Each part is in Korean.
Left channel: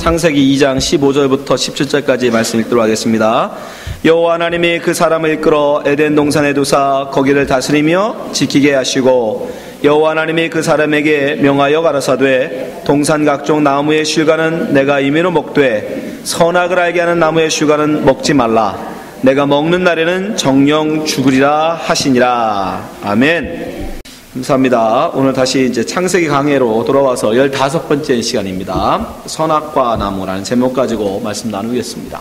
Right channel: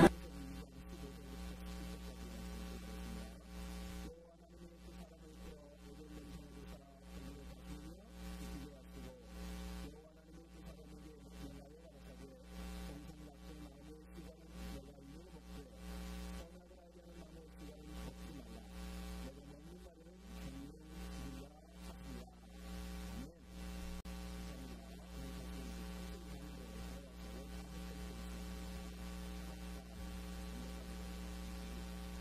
창세기 2장 15절부터 17절까지 말씀 읽도록 하겠습니다. 여호와 하나님이 그 사람을 이끌어 에덴 동산에 두사 거기를 다스리며 지키게 하시고 여호와 하나님이 그 사람에게 명하여 가라사대 동산 각종 나무의 실과는 내가 임의로 먹되 선악을 알게 하는 나무의 실과는 먹지 말라. 내가 먹는 날에는 정령 죽으리라 하시니라. 아멘. 감사합니다. 오늘 다시 이제 창세기 강해로 돌아와서 15번째 시간입니다. 선악과 나무라는 제목 가지고 말씀 나누겠습니다.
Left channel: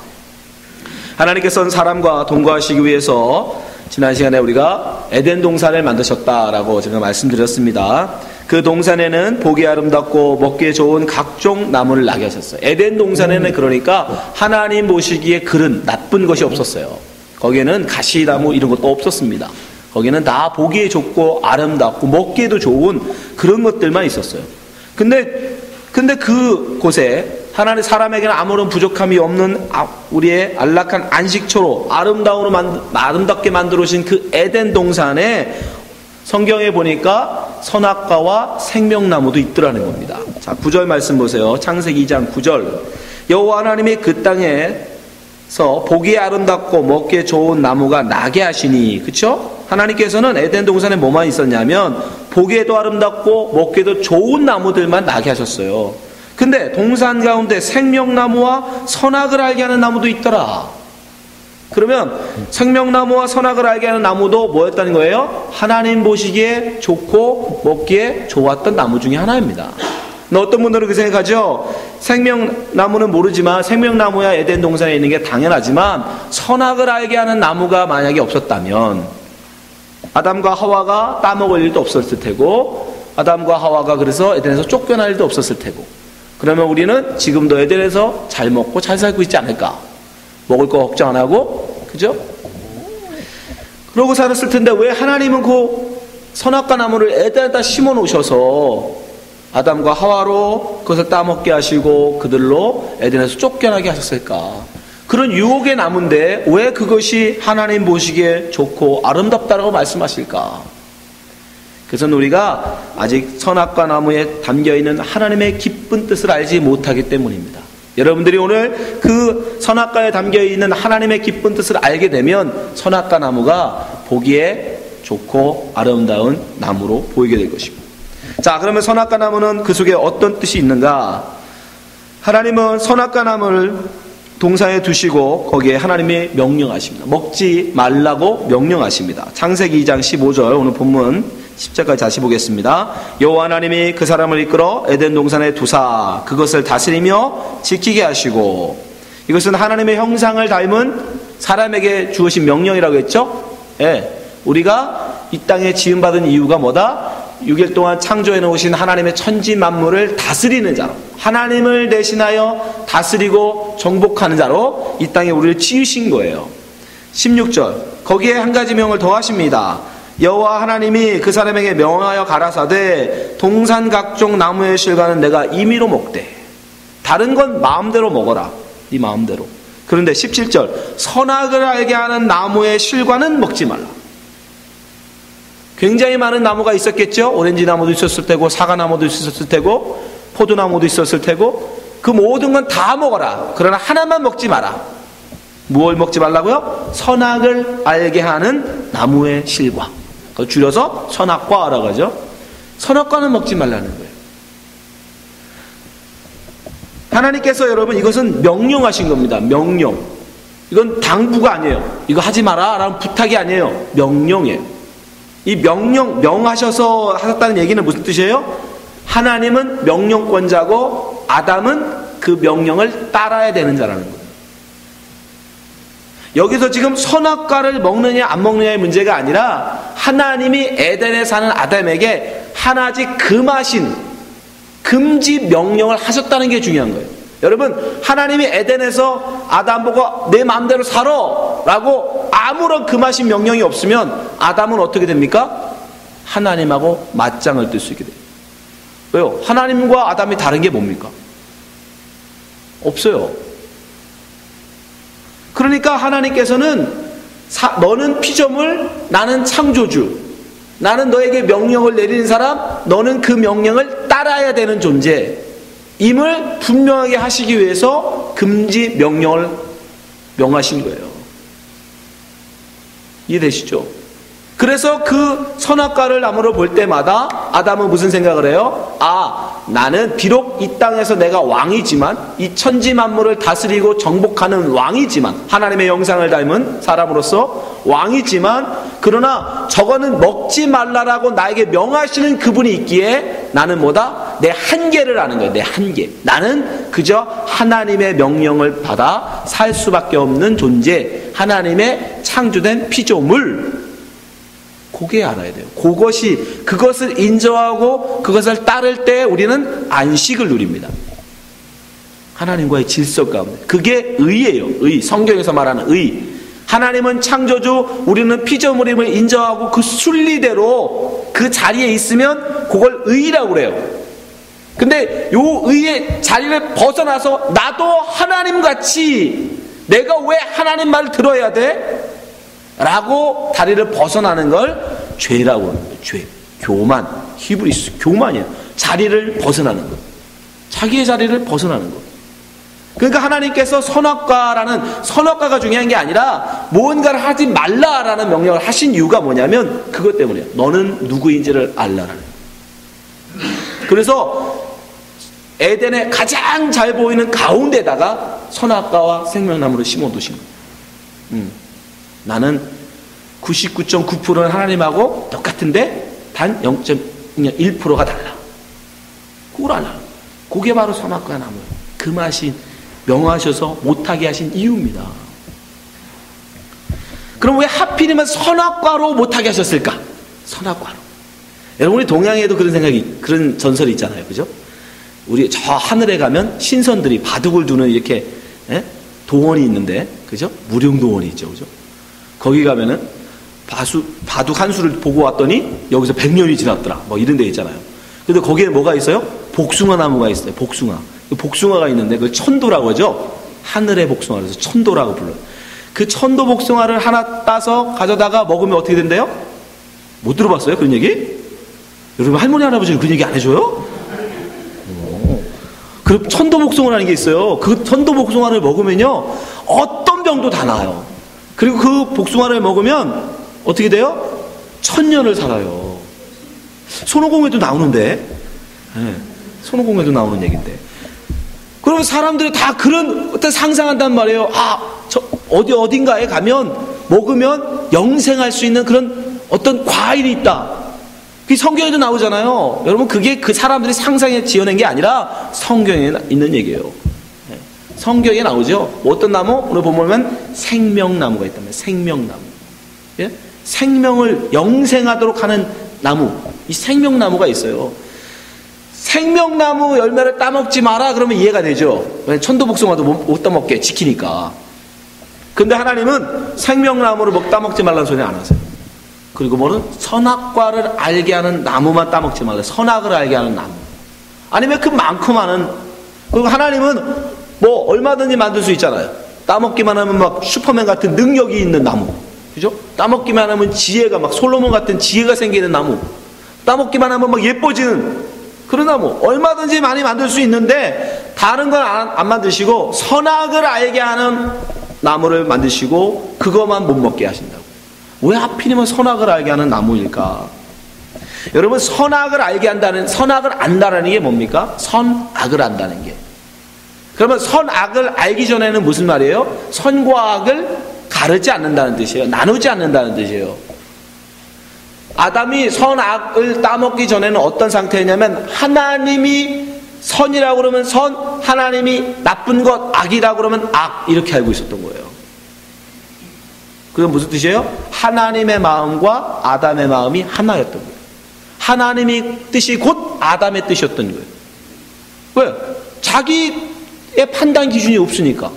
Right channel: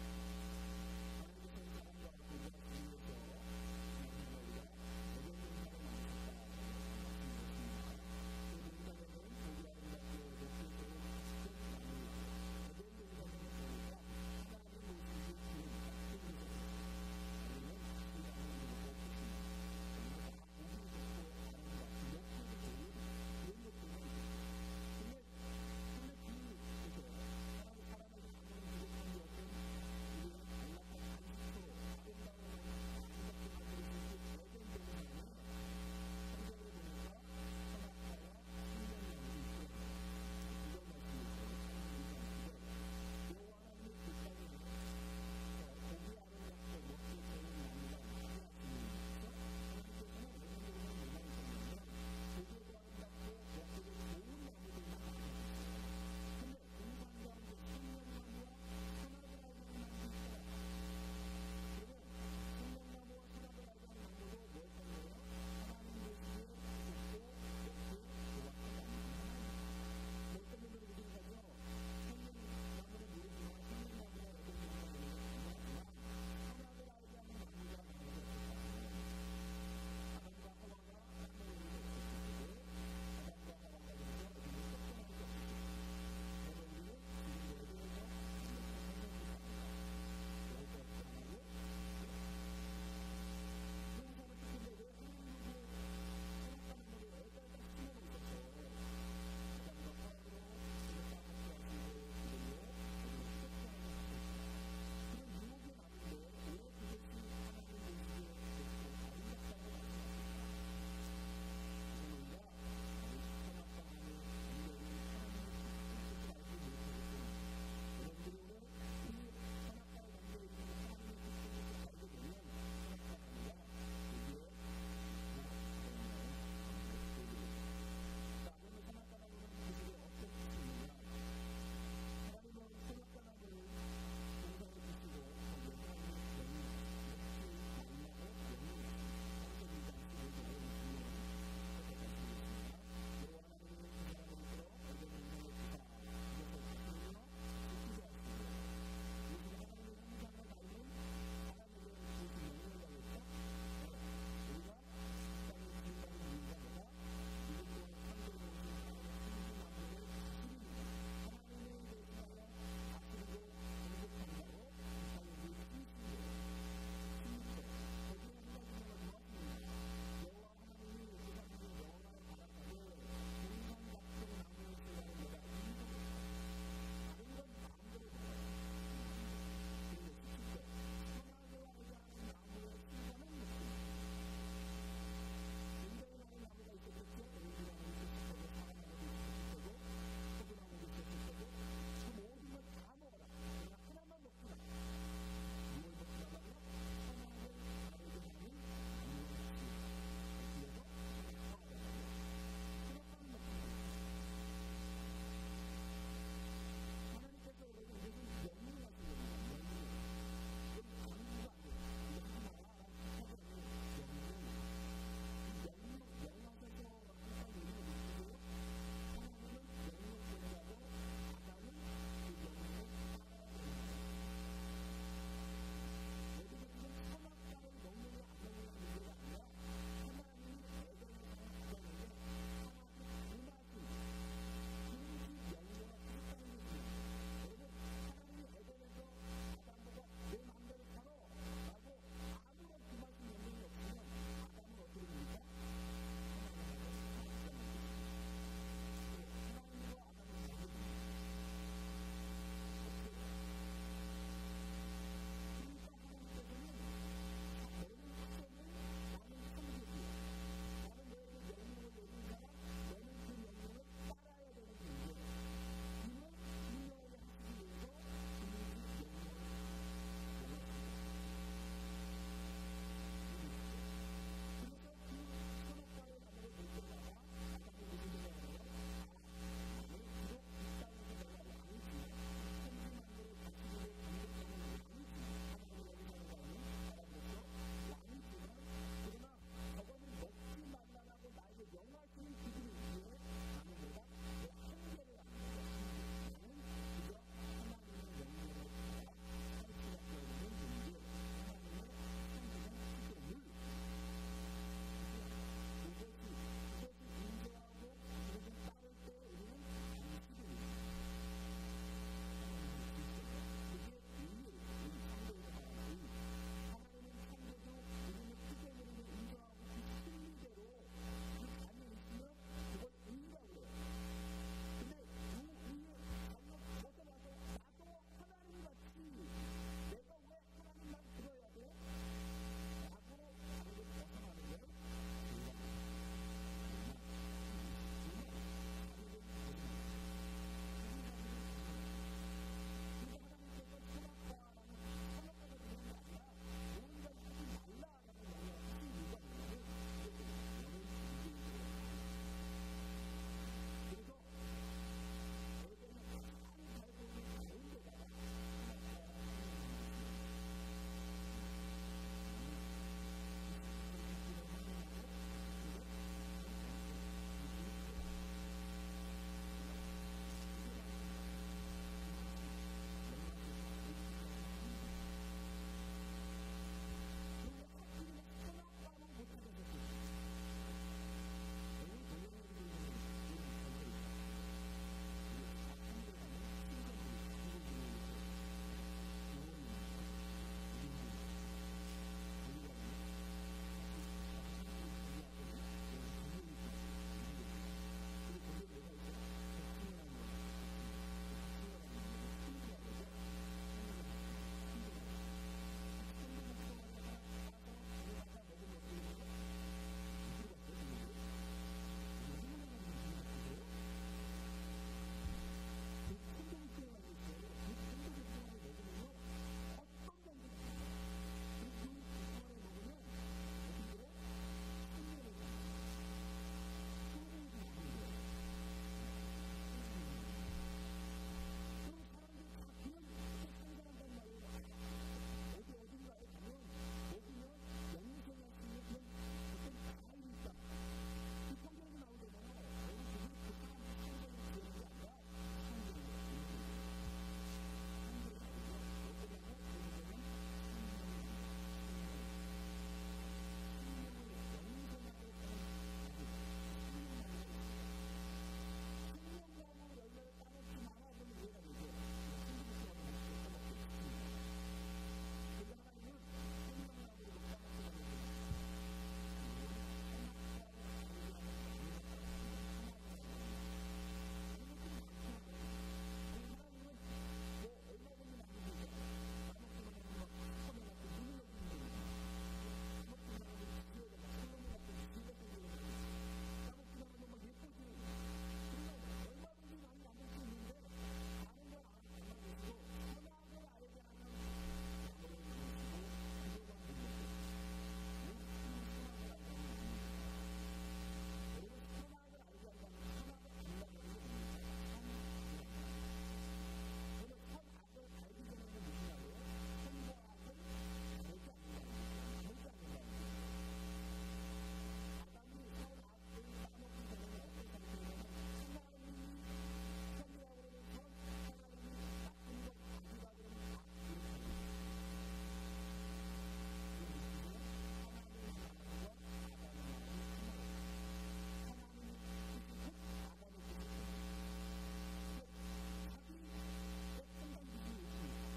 하나님께서는 사람과 동거하시기 위해서 지난 시간에 우리가 에덴 동산을 만드셨다라고 제가 말씀드렸습니다. 그 동산에는 보기 아름답고 먹기에 좋은 각종 나무를 나게 하셨어요. 에덴 동산에는 그러니까 하나님 보시기에 그른 나쁜 것이 없었어요. 거기에는 가시나무 이런 것도 없었습니다. 거기는 다 보기에 좋고 아름답고 먹기에도 좋은 그런 것들만 있었어요. 근데 그 곳에 하나님 사람에게는 아무런 부족함이 없는 우리의 안락한 안식처로 아름답게 만들어 주신 그 에덴 동산에 성경에 보니까 선악과와 생명나무도 있더라는 겁니다. 자, 9절 말씀 보세요. 창세기 2장 9절. 여호와 하나님이 그 땅에서 보기에 아름답고 먹기에 좋은 나무가 나게 하시니, 그쵸? 하나님께서는 에덴 동산에 뭐만 있었냐면 보기에도 아름답고 먹기에도 좋은 나무들만 나게 하셨어요. 근데 동산 가운데 생명나무와 선악을 알게 하는 나무도 있더라. 그러면 생명나무와 선악을 알게 하는 나무도 뭐였다는 거예요? 하나님 보시기에 좋고 먹기에 좋았던 나무 중에 하나입니다. 어떤 분들은 그 생각하죠. 생명나무는 모르지만 생명나무야 에덴 동산에 있는 게 당연하지만 선악을 알게 하는 나무가 만약에 없었다면 아담과 하와가 따먹을 일도 없었을 테고 아담과 하와가 그래서 에덴에서 쫓겨날 일도 없었을 테고 그러면 우리는 지금도 에덴에서 잘 먹고 잘 살고 있지 않을까? 먹을 거 걱정 안 하고, 그죠? 그러고 살았을 텐데 왜 하나님은 그 선악과 나무를 에덴에다 심어 놓으셔서 아담과 하와로 그것을 따먹게 하시고 그들로 에덴에서 쫓겨나게 하셨을까? 그런 유혹의 나무인데 왜 그것이 하나님 보시기에 좋고 아름답다라고 말씀하실까? 그래서 우리가 아직 선악과 나무에 담겨있는 하나님의 기쁜 뜻을 알지 못하기 때문입니다. 여러분들이 오늘 그 선악과에 담겨있는 하나님의 기쁜 뜻을 알게 되면 선악과 나무가 보기에 좋고 아름다운 나무로 보이게 될 것입니다. 자, 그러면 선악과 나무는 그 속에 어떤 뜻이 있는가? 하나님은 선악과 나무를 동산에 두시고 거기에 하나님이 명령하십니다. 먹지 말라고 명령하십니다. 창세기 2장 15절 오늘 본문 10절까지 다시 보겠습니다. 여호와 하나님이 그 사람을 이끌어 에덴 동산에 두사 그것을 다스리며 지키게 하시고, 이것은 하나님의 형상을 닮은 사람에게 주어진 명령이라고 했죠. 예, 우리가 이 땅에 지음받은 이유가 뭐다? 6일 동안 창조해 놓으신 하나님의 천지 만물을 다스리는 자로, 하나님을 대신하여 다스리고 정복하는 자로 이 땅에 우리를 지으신 거예요. 16절 거기에 한 가지 명을 더하십니다. 여호와 하나님이 그 사람에게 명하여 가라사대 동산 각종 나무의 실과는 내가 임의로 먹되, 다른 건 마음대로 먹어라, 네 마음대로. 그런데 17절 선악을 알게 하는 나무의 실과는 먹지 말라. 굉장히 많은 나무가 있었겠죠. 오렌지 나무도 있었을 테고 사과나무도 있었을 테고 포도나무도 있었을 테고 그 모든 건 다 먹어라. 그러나 하나만 먹지 마라. 무엇을 먹지 말라고요? 선악을 알게 하는 나무의 실과. 그걸 줄여서 선악과라고 하죠. 선악과는 먹지 말라는 거예요. 하나님께서 여러분 이것은 명령하신 겁니다. 명령. 이건 당부가 아니에요. 이거 하지 마라 라는 부탁이 아니에요. 명령이에요. 이 명하셔서 하셨다는 얘기는 무슨 뜻이에요? 하나님은 명령권자고 아담은 그 명령을 따라야 되는 자라는 거예요. 여기서 지금 선악과를 먹느냐 안 먹느냐의 문제가 아니라 하나님이 에덴에 사는 아담에게 하나씩 금하신 금지 명령을 하셨다는 게 중요한 거예요. 여러분, 하나님이 에덴에서 아담 보고 내 마음대로 살아 라고 아무런 금하신 명령이 없으면 아담은 어떻게 됩니까? 하나님하고 맞짱을 뜰 수 있게 돼요. 왜요? 하나님과 아담이 다른 게 뭡니까? 없어요. 그러니까 하나님께서는 너는 피조물, 나는 창조주, 나는 너에게 명령을 내리는 사람, 너는 그 명령을 따라야 되는 존재. 임을 분명하게 하시기 위해서 금지 명령을 명하신 거예요. 이해되시죠? 그래서 그 선악과를 나무를 볼 때마다 아담은 무슨 생각을 해요? 나는 비록 이 땅에서 내가 왕이지만, 이 천지 만물을 다스리고 정복하는 왕이지만, 하나님의 영상을 닮은 사람으로서 왕이지만, 그러나 저거는 먹지 말라라고 나에게 명하시는 그분이 있기에 나는 뭐다? 내 한계를 아는 거예요. 내 한계. 나는 그저 하나님의 명령을 받아 살 수밖에 없는 존재, 하나님의 창조된 피조물, 그게 알아야 돼요. 그것을 인정하고 그것을 따를 때 우리는 안식을 누립니다. 하나님과의 질서 가운데. 그게 의예요. 의. 성경에서 말하는 의. 하나님은 창조주, 우리는 피조물임을 인정하고 그 순리대로 그 자리에 있으면 그걸 의라고 그래요. 근데 요 의의 자리를 벗어나서 나도 하나님같이 내가 왜 하나님 말을 들어야 돼? 라고 다리를 벗어나는 걸 죄라고 합니다. 죄, 교만, 히브리스, 교만이에요. 자리를 벗어나는 것, 자기의 자리를 벗어나는 것. 그러니까 하나님께서 선악과가 중요한 게 아니라 무언가를 하지 말라라는 명령을 하신 이유가 뭐냐면 그것 때문이에요. 너는 누구인지를 알라라는. 그래서 에덴에 가장 잘 보이는 가운데다가 선악과와 생명나무를 심어두신 거예요. 나는 99.9%는 하나님하고 똑같은데 단 0.1%가 달라. 그걸 알아. 그게 바로 선악과 나무예요. 그 맛이 명하셔서 못하게 하신 이유입니다. 그럼 왜 하필이면 선악과로 못하게 하셨을까? 선악과로. 여러분, 우리 동양에도 그런 전설이 있잖아요. 그죠? 우리 저 하늘에 가면 신선들이 바둑을 두는 이렇게 도원이 있는데, 그죠? 무령도원이 있죠. 그죠? 거기 가면은 바둑 한 수를 보고 왔더니 여기서 100년이 지났더라. 뭐 이런 데 있잖아요. 근데 거기에 뭐가 있어요? 복숭아 나무가 있어요. 복숭아가 있는데 그걸 천도라고 하죠. 하늘의 복숭아를 해서 천도라고 불러요. 그 천도 복숭아를 하나 따서 가져다가 먹으면 어떻게 된대요? 못 들어봤어요? 그런 얘기? 여러분, 할머니 할아버지는 그런 얘기 안 해줘요? 그 천도 복숭아라는 게 있어요. 그 천도 복숭아를 먹으면요 어떤 병도 다 나아요. 그리고 그 복숭아를 먹으면 어떻게 돼요? 1000년을 살아요. 손오공에도 나오는데, 손오공에도 나오는 얘기인데. 그러면 사람들이 다 그런 어떤 상상한단 말이에요. 저 어딘가에 가면 먹으면 영생할 수 있는 그런 어떤 과일이 있다. 그 성경에도 나오잖아요. 여러분, 그게 그 사람들이 상상에 지어낸 게 아니라 성경에 있는 얘기예요. 성경에 나오죠. 어떤 나무? 오늘 보면 생명나무가 있단 말이에요. 생명나무. 예? 생명을 영생하도록 하는 나무. 이 생명나무가 있어요. 생명나무 열매를 따먹지 마라 그러면 이해가 되죠. 천도복숭아도 못 따먹게 지키니까. 근데 하나님은 생명나무를 따먹지 말라는 소리 안 하세요. 그리고 뭐는 선악과를 알게 하는 나무만 따먹지 말라. 선악을 알게 하는 나무. 아니면 그 많고 많은. 그리고 하나님은 뭐 얼마든지 만들 수 있잖아요. 따먹기만 하면 막 슈퍼맨 같은 능력이 있는 나무. 그죠? 따먹기만 하면 지혜가 막 솔로몬 같은 지혜가 생기는 나무. 따먹기만 하면 막 예뻐지는 그런 나무. 얼마든지 많이 만들 수 있는데 다른 건 안 만드시고 선악을 알게 하는 나무를 만드시고 그것만 못 먹게 하신다고. 왜 하필이면 선악을 알게 하는 나무일까? 여러분, 선악을 안다는 게 뭡니까? 선악을 안다는 게. 그러면 선악을 알기 전에는 무슨 말이에요? 선과 악을 가르지 않는다는 뜻이에요. 나누지 않는다는 뜻이에요. 아담이 선악을 따먹기 전에는 어떤 상태였냐면 하나님이 선이라고 그러면 선, 하나님이 나쁜 것, 악이라고 그러면 악, 이렇게 알고 있었던 거예요. 그건 무슨 뜻이에요? 하나님의 마음과 아담의 마음이 하나였던 거예요. 하나님의 뜻이 곧 아담의 뜻이었던 거예요. 왜? 자기의 판단 기준이 없으니까.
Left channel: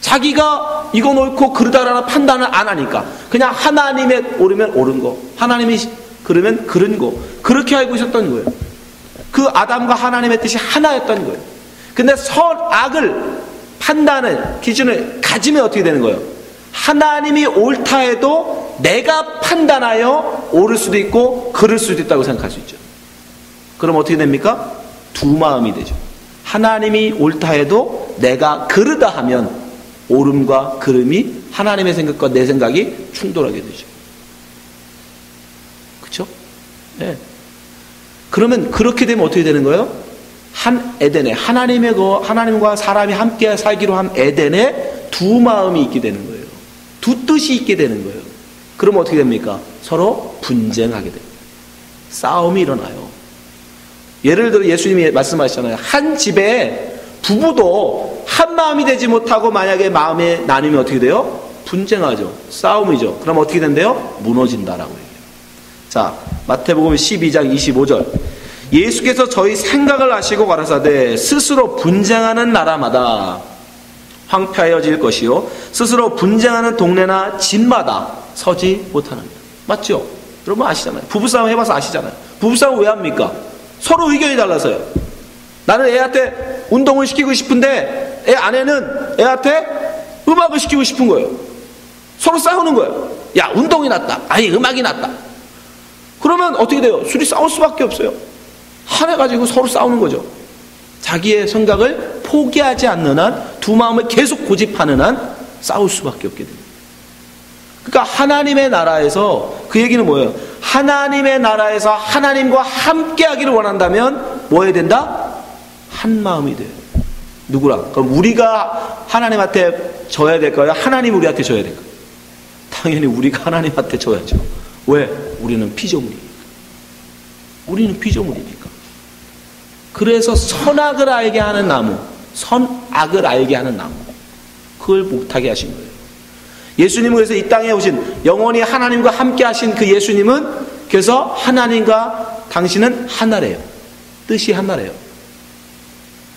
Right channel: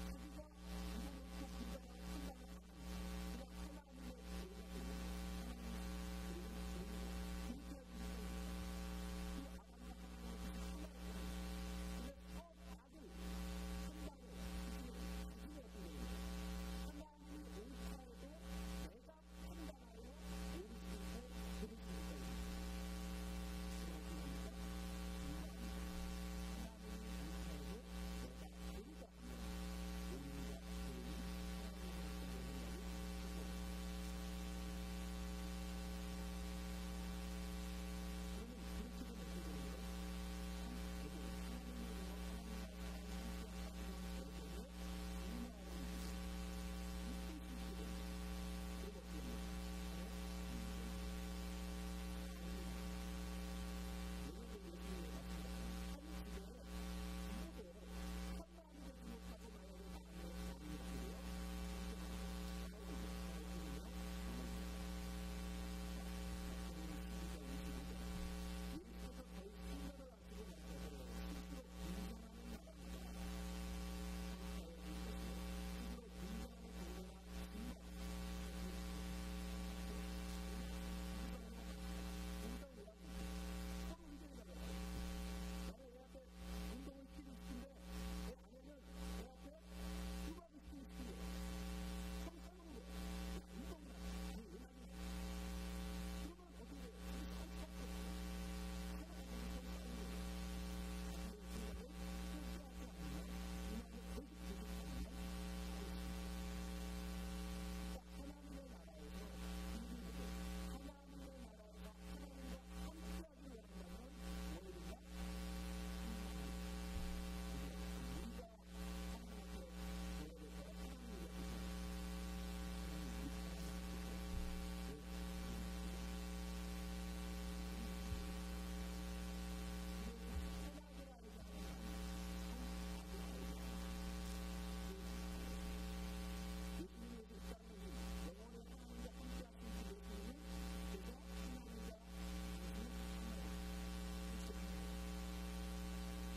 자기가 이건 옳고 그르다라는 판단을 안 하니까 그냥 하나님의 옳으면 옳은 거, 하나님이 그러면 그른 거, 그렇게 알고 있었던 거예요. 그 아담과 하나님의 뜻이 하나였던 거예요. 근데 선악을 판단을 기준을 가지면 어떻게 되는 거예요? 하나님이 옳다 해도 내가 판단하여 옳을 수도 있고 그를 수도 있다고 생각할 수 있죠. 그럼 어떻게 됩니까? 두 마음이 되죠. 하나님이 옳다 해도 내가 그르다 하면 옳음과 그름이 하나님의 생각과 내 생각이 충돌하게 되죠. 그렇죠? 네. 그러면 그렇게 되면 어떻게 되는 거예요? 한 에덴에 하나님과 사람이 함께 살기로 한 에덴에 두 마음이 있게 되는 거예요. 두 뜻이 있게 되는 거예요. 그러면 어떻게 됩니까? 서로 분쟁하게 됩니다. 싸움이 일어나요. 예를 들어 예수님이 말씀하셨잖아요. 한 집에 부부도 한 마음이 되지 못하고 만약에 마음의 나눔이 어떻게 돼요? 분쟁하죠. 싸움이죠. 그럼 어떻게 된대요? 무너진다라고 얘기해요. 자, 마태복음 12장 25절. 예수께서 저희 생각을 아시고 가라사대 스스로 분쟁하는 나라마다 황폐하여질 것이요 스스로 분쟁하는 동네나 집마다 서지 못하느니라. 맞죠? 여러분 아시잖아요. 부부싸움 해봐서 아시잖아요. 부부싸움 왜 합니까? 서로 의견이 달라서요. 나는 애한테 운동을 시키고 싶은데 애 아내는 애한테 음악을 시키고 싶은 거예요. 서로 싸우는 거예요. 야, 운동이 낫다. 아니, 음악이 낫다. 그러면 어떻게 돼요? 둘이 싸울 수밖에 없어요. 하나 가지고 서로 싸우는 거죠. 자기의 생각을 포기하지 않는 한, 두 마음을 계속 고집하는 한 싸울 수밖에 없게 됩니다. 그러니까 하나님의 나라에서, 그 얘기는 뭐예요? 하나님의 나라에서 하나님과 함께 하기를 원한다면 뭐 해야 된다? 한 마음이 돼요. 누구랑? 그럼 우리가 하나님한테 져야 될까요? 하나님 우리한테 져야 될까요? 당연히 우리가 하나님한테 져야죠. 왜? 우리는 피조물이니까. 우리는 피조물이니까. 그래서 선악을 알게 하는 나무, 선악을 알게 하는 나무, 그걸 못하게 하신 거예요. 예수님은 그래서 이 땅에 오신, 영원히 하나님과 함께 하신 그 예수님은 그래서 하나님과 당신은 하나래요. 뜻이 하나래요.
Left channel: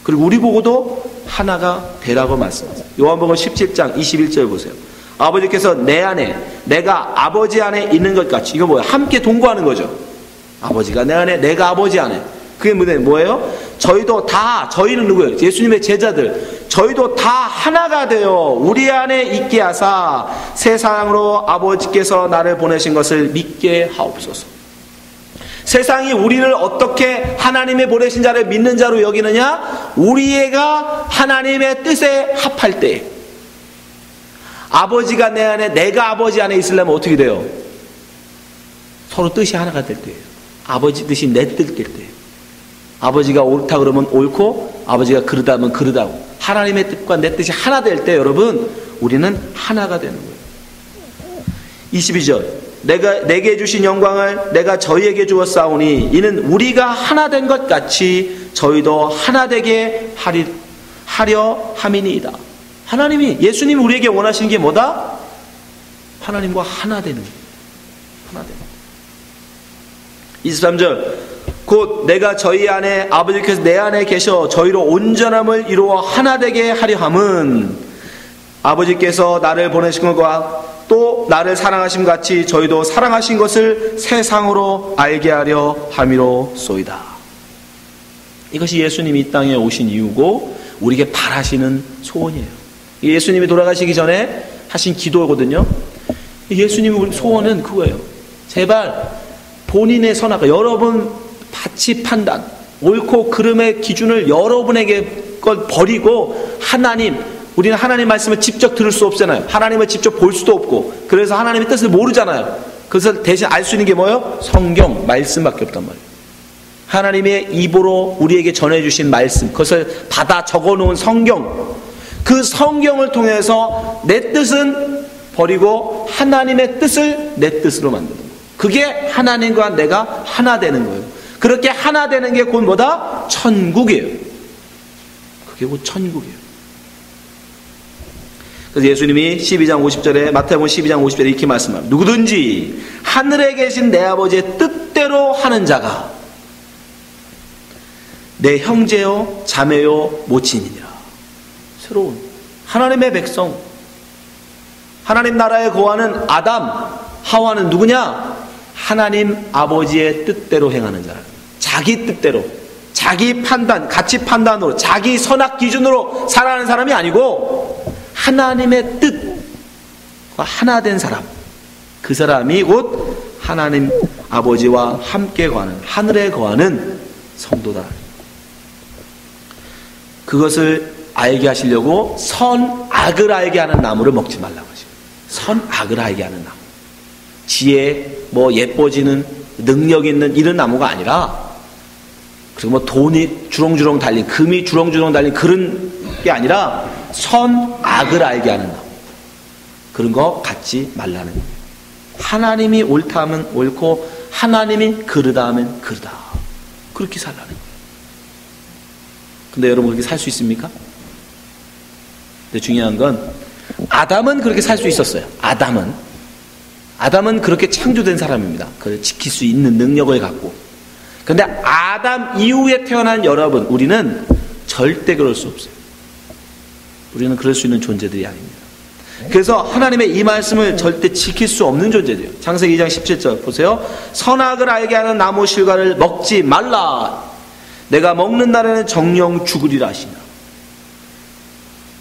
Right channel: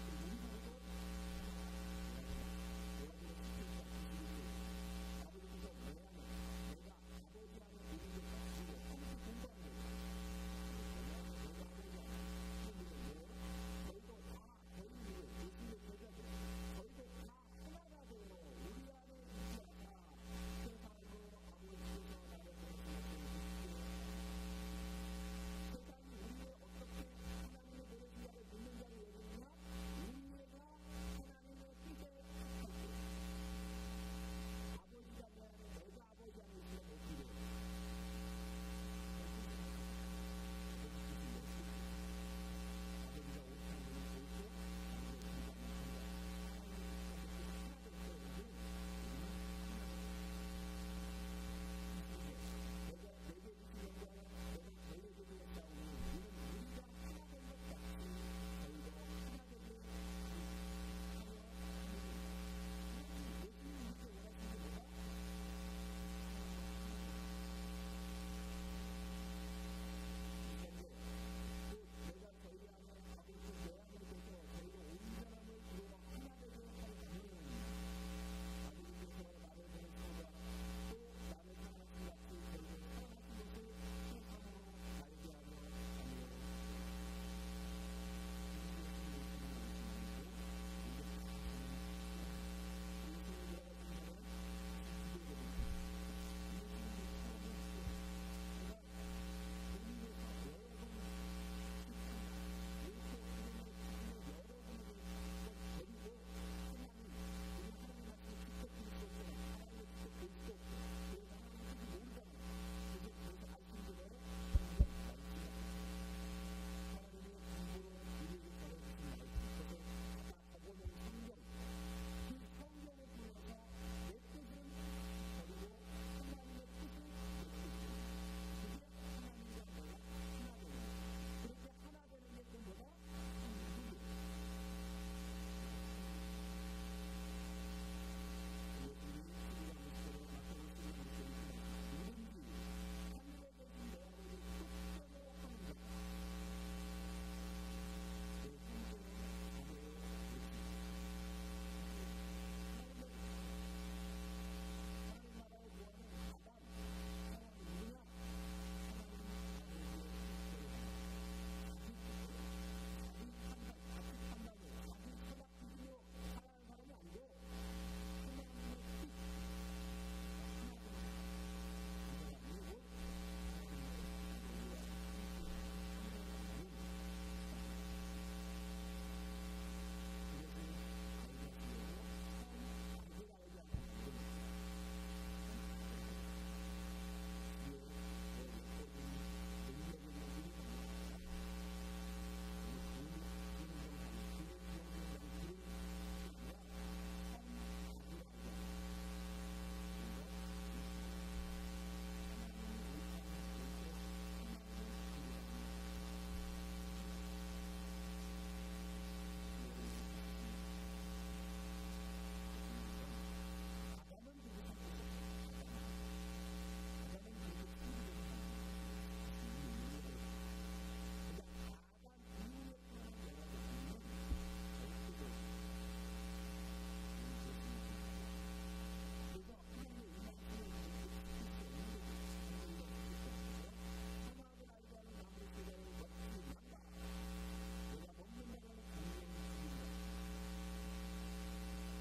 그리고 우리 보고도 하나가 되라고 말씀하세요. 요한복음 17장 21절 보세요. 아버지께서 내 안에, 내가 아버지 안에 있는 것 같이, 이거 뭐예요? 함께 동거하는 거죠. 아버지가 내 안에, 내가 아버지 안에. 그게 뭐예요? 저희도 다, 저희는 누구예요? 예수님의 제자들. 저희도 다 하나가 되어 우리 안에 있게 하사 세상으로 아버지께서 나를 보내신 것을 믿게 하옵소서. 세상이 우리를 어떻게 하나님의 보내신 자를 믿는 자로 여기느냐? 우리가 하나님의 뜻에 합할 때, 아버지가 내 안에, 내가 아버지 안에 있으려면 어떻게 돼요? 서로 뜻이 하나가 될 때예요. 아버지 뜻이 내 뜻 될 때예요. 아버지가 옳다 그러면 옳고, 아버지가 그르다 하면 그르다고. 하나님의 뜻과 내 뜻이 하나 될 때 여러분, 우리는 하나가 되는 거예요. 22절. 내게 주신 영광을 내가 저희에게 주었사오니 이는 우리가 하나 된 것 같이 저희도 하나 되게 하려 함이니이다. 하나님이, 예수님이 우리에게 원하시는 게 뭐다? 하나님과 하나 되는 거예요. 하나 되는 거예요. 23절. 곧 내가 저희 안에, 아버지께서 내 안에 계셔 저희로 온전함을 이루어 하나 되게 하려 함은 아버지께서 나를 보내신 것과 또 나를 사랑하심 같이 저희도 사랑하신 것을 세상으로 알게 하려 함이로소이다. 이것이 예수님이 이 땅에 오신 이유고 우리에게 바라시는 소원이에요. 예수님이 돌아가시기 전에 하신 기도거든요. 예수님의 소원은 그거예요. 제발 본인의 선악과, 여러분 가치 판단, 옳고 그름의 기준을 여러분에게 걸 버리고, 우리는 하나님 말씀을 직접 들을 수 없잖아요. 하나님을 직접 볼 수도 없고, 그래서 하나님의 뜻을 모르잖아요. 그래서 대신 알 수 있는 게 뭐예요? 성경, 말씀밖에 없단 말이에요. 하나님의 입으로 우리에게 전해주신 말씀, 그것을 받아 적어놓은 성경, 그 성경을 통해서 내 뜻은 버리고 하나님의 뜻을 내 뜻으로 만드는 거예요. 그게 하나님과 내가 하나 되는 거예요. 그렇게 하나 되는 게 곧 뭐다? 천국이에요. 그게 곧 천국이에요. 그래서 예수님이 12장 50절에, 마태복음 12장 50절에 이렇게 말씀합니다. 누구든지 하늘에 계신 내 아버지의 뜻대로 하는 자가 내 형제요 자매요 모친이니라. 새로운 하나님의 백성, 하나님 나라에 거하는 아담, 하와는 누구냐? 하나님 아버지의 뜻대로 행하는 자라. 자기 뜻대로, 자기 판단, 가치 판단으로, 자기 선악 기준으로 살아가는 사람이 아니고 하나님의 뜻과 하나 된 사람, 그 사람이 곧 하나님 아버지와 함께 거하는, 하늘에 거하는 성도다. 그것을 알게 하시려고 선악을 알게 하는 나무를 먹지 말라고 하시고, 선악을 알게 하는 나무, 지혜, 뭐 예뻐지는 능력 있는 이런 나무가 아니라, 그리고 뭐 돈이 주렁주렁 달린, 금이 주렁주렁 달린 그런 게 아니라 선악을 알게 하는 나무, 그런 거 갖지 말라는 거예요. 하나님이 옳다 하면 옳고 하나님이 그르다 하면 그르다, 그렇게 살라는 거예요. 근데 여러분 그렇게 살 수 있습니까? 근데 중요한 건 아담은 그렇게 살 수 있었어요. 아담은 그렇게 창조된 사람입니다. 그걸 지킬 수 있는 능력을 갖고. 근데 아담 이후에 태어난 여러분, 우리는 절대 그럴 수 없어요. 우리는 그럴 수 있는 존재들이 아닙니다. 그래서 하나님의 이 말씀을 절대 지킬 수 없는 존재들이에요. 창세기 2장 17절 보세요. 선악을 알게 하는 나무 실과를 먹지 말라. 내가 먹는 날에는 정령 죽으리라 하시나.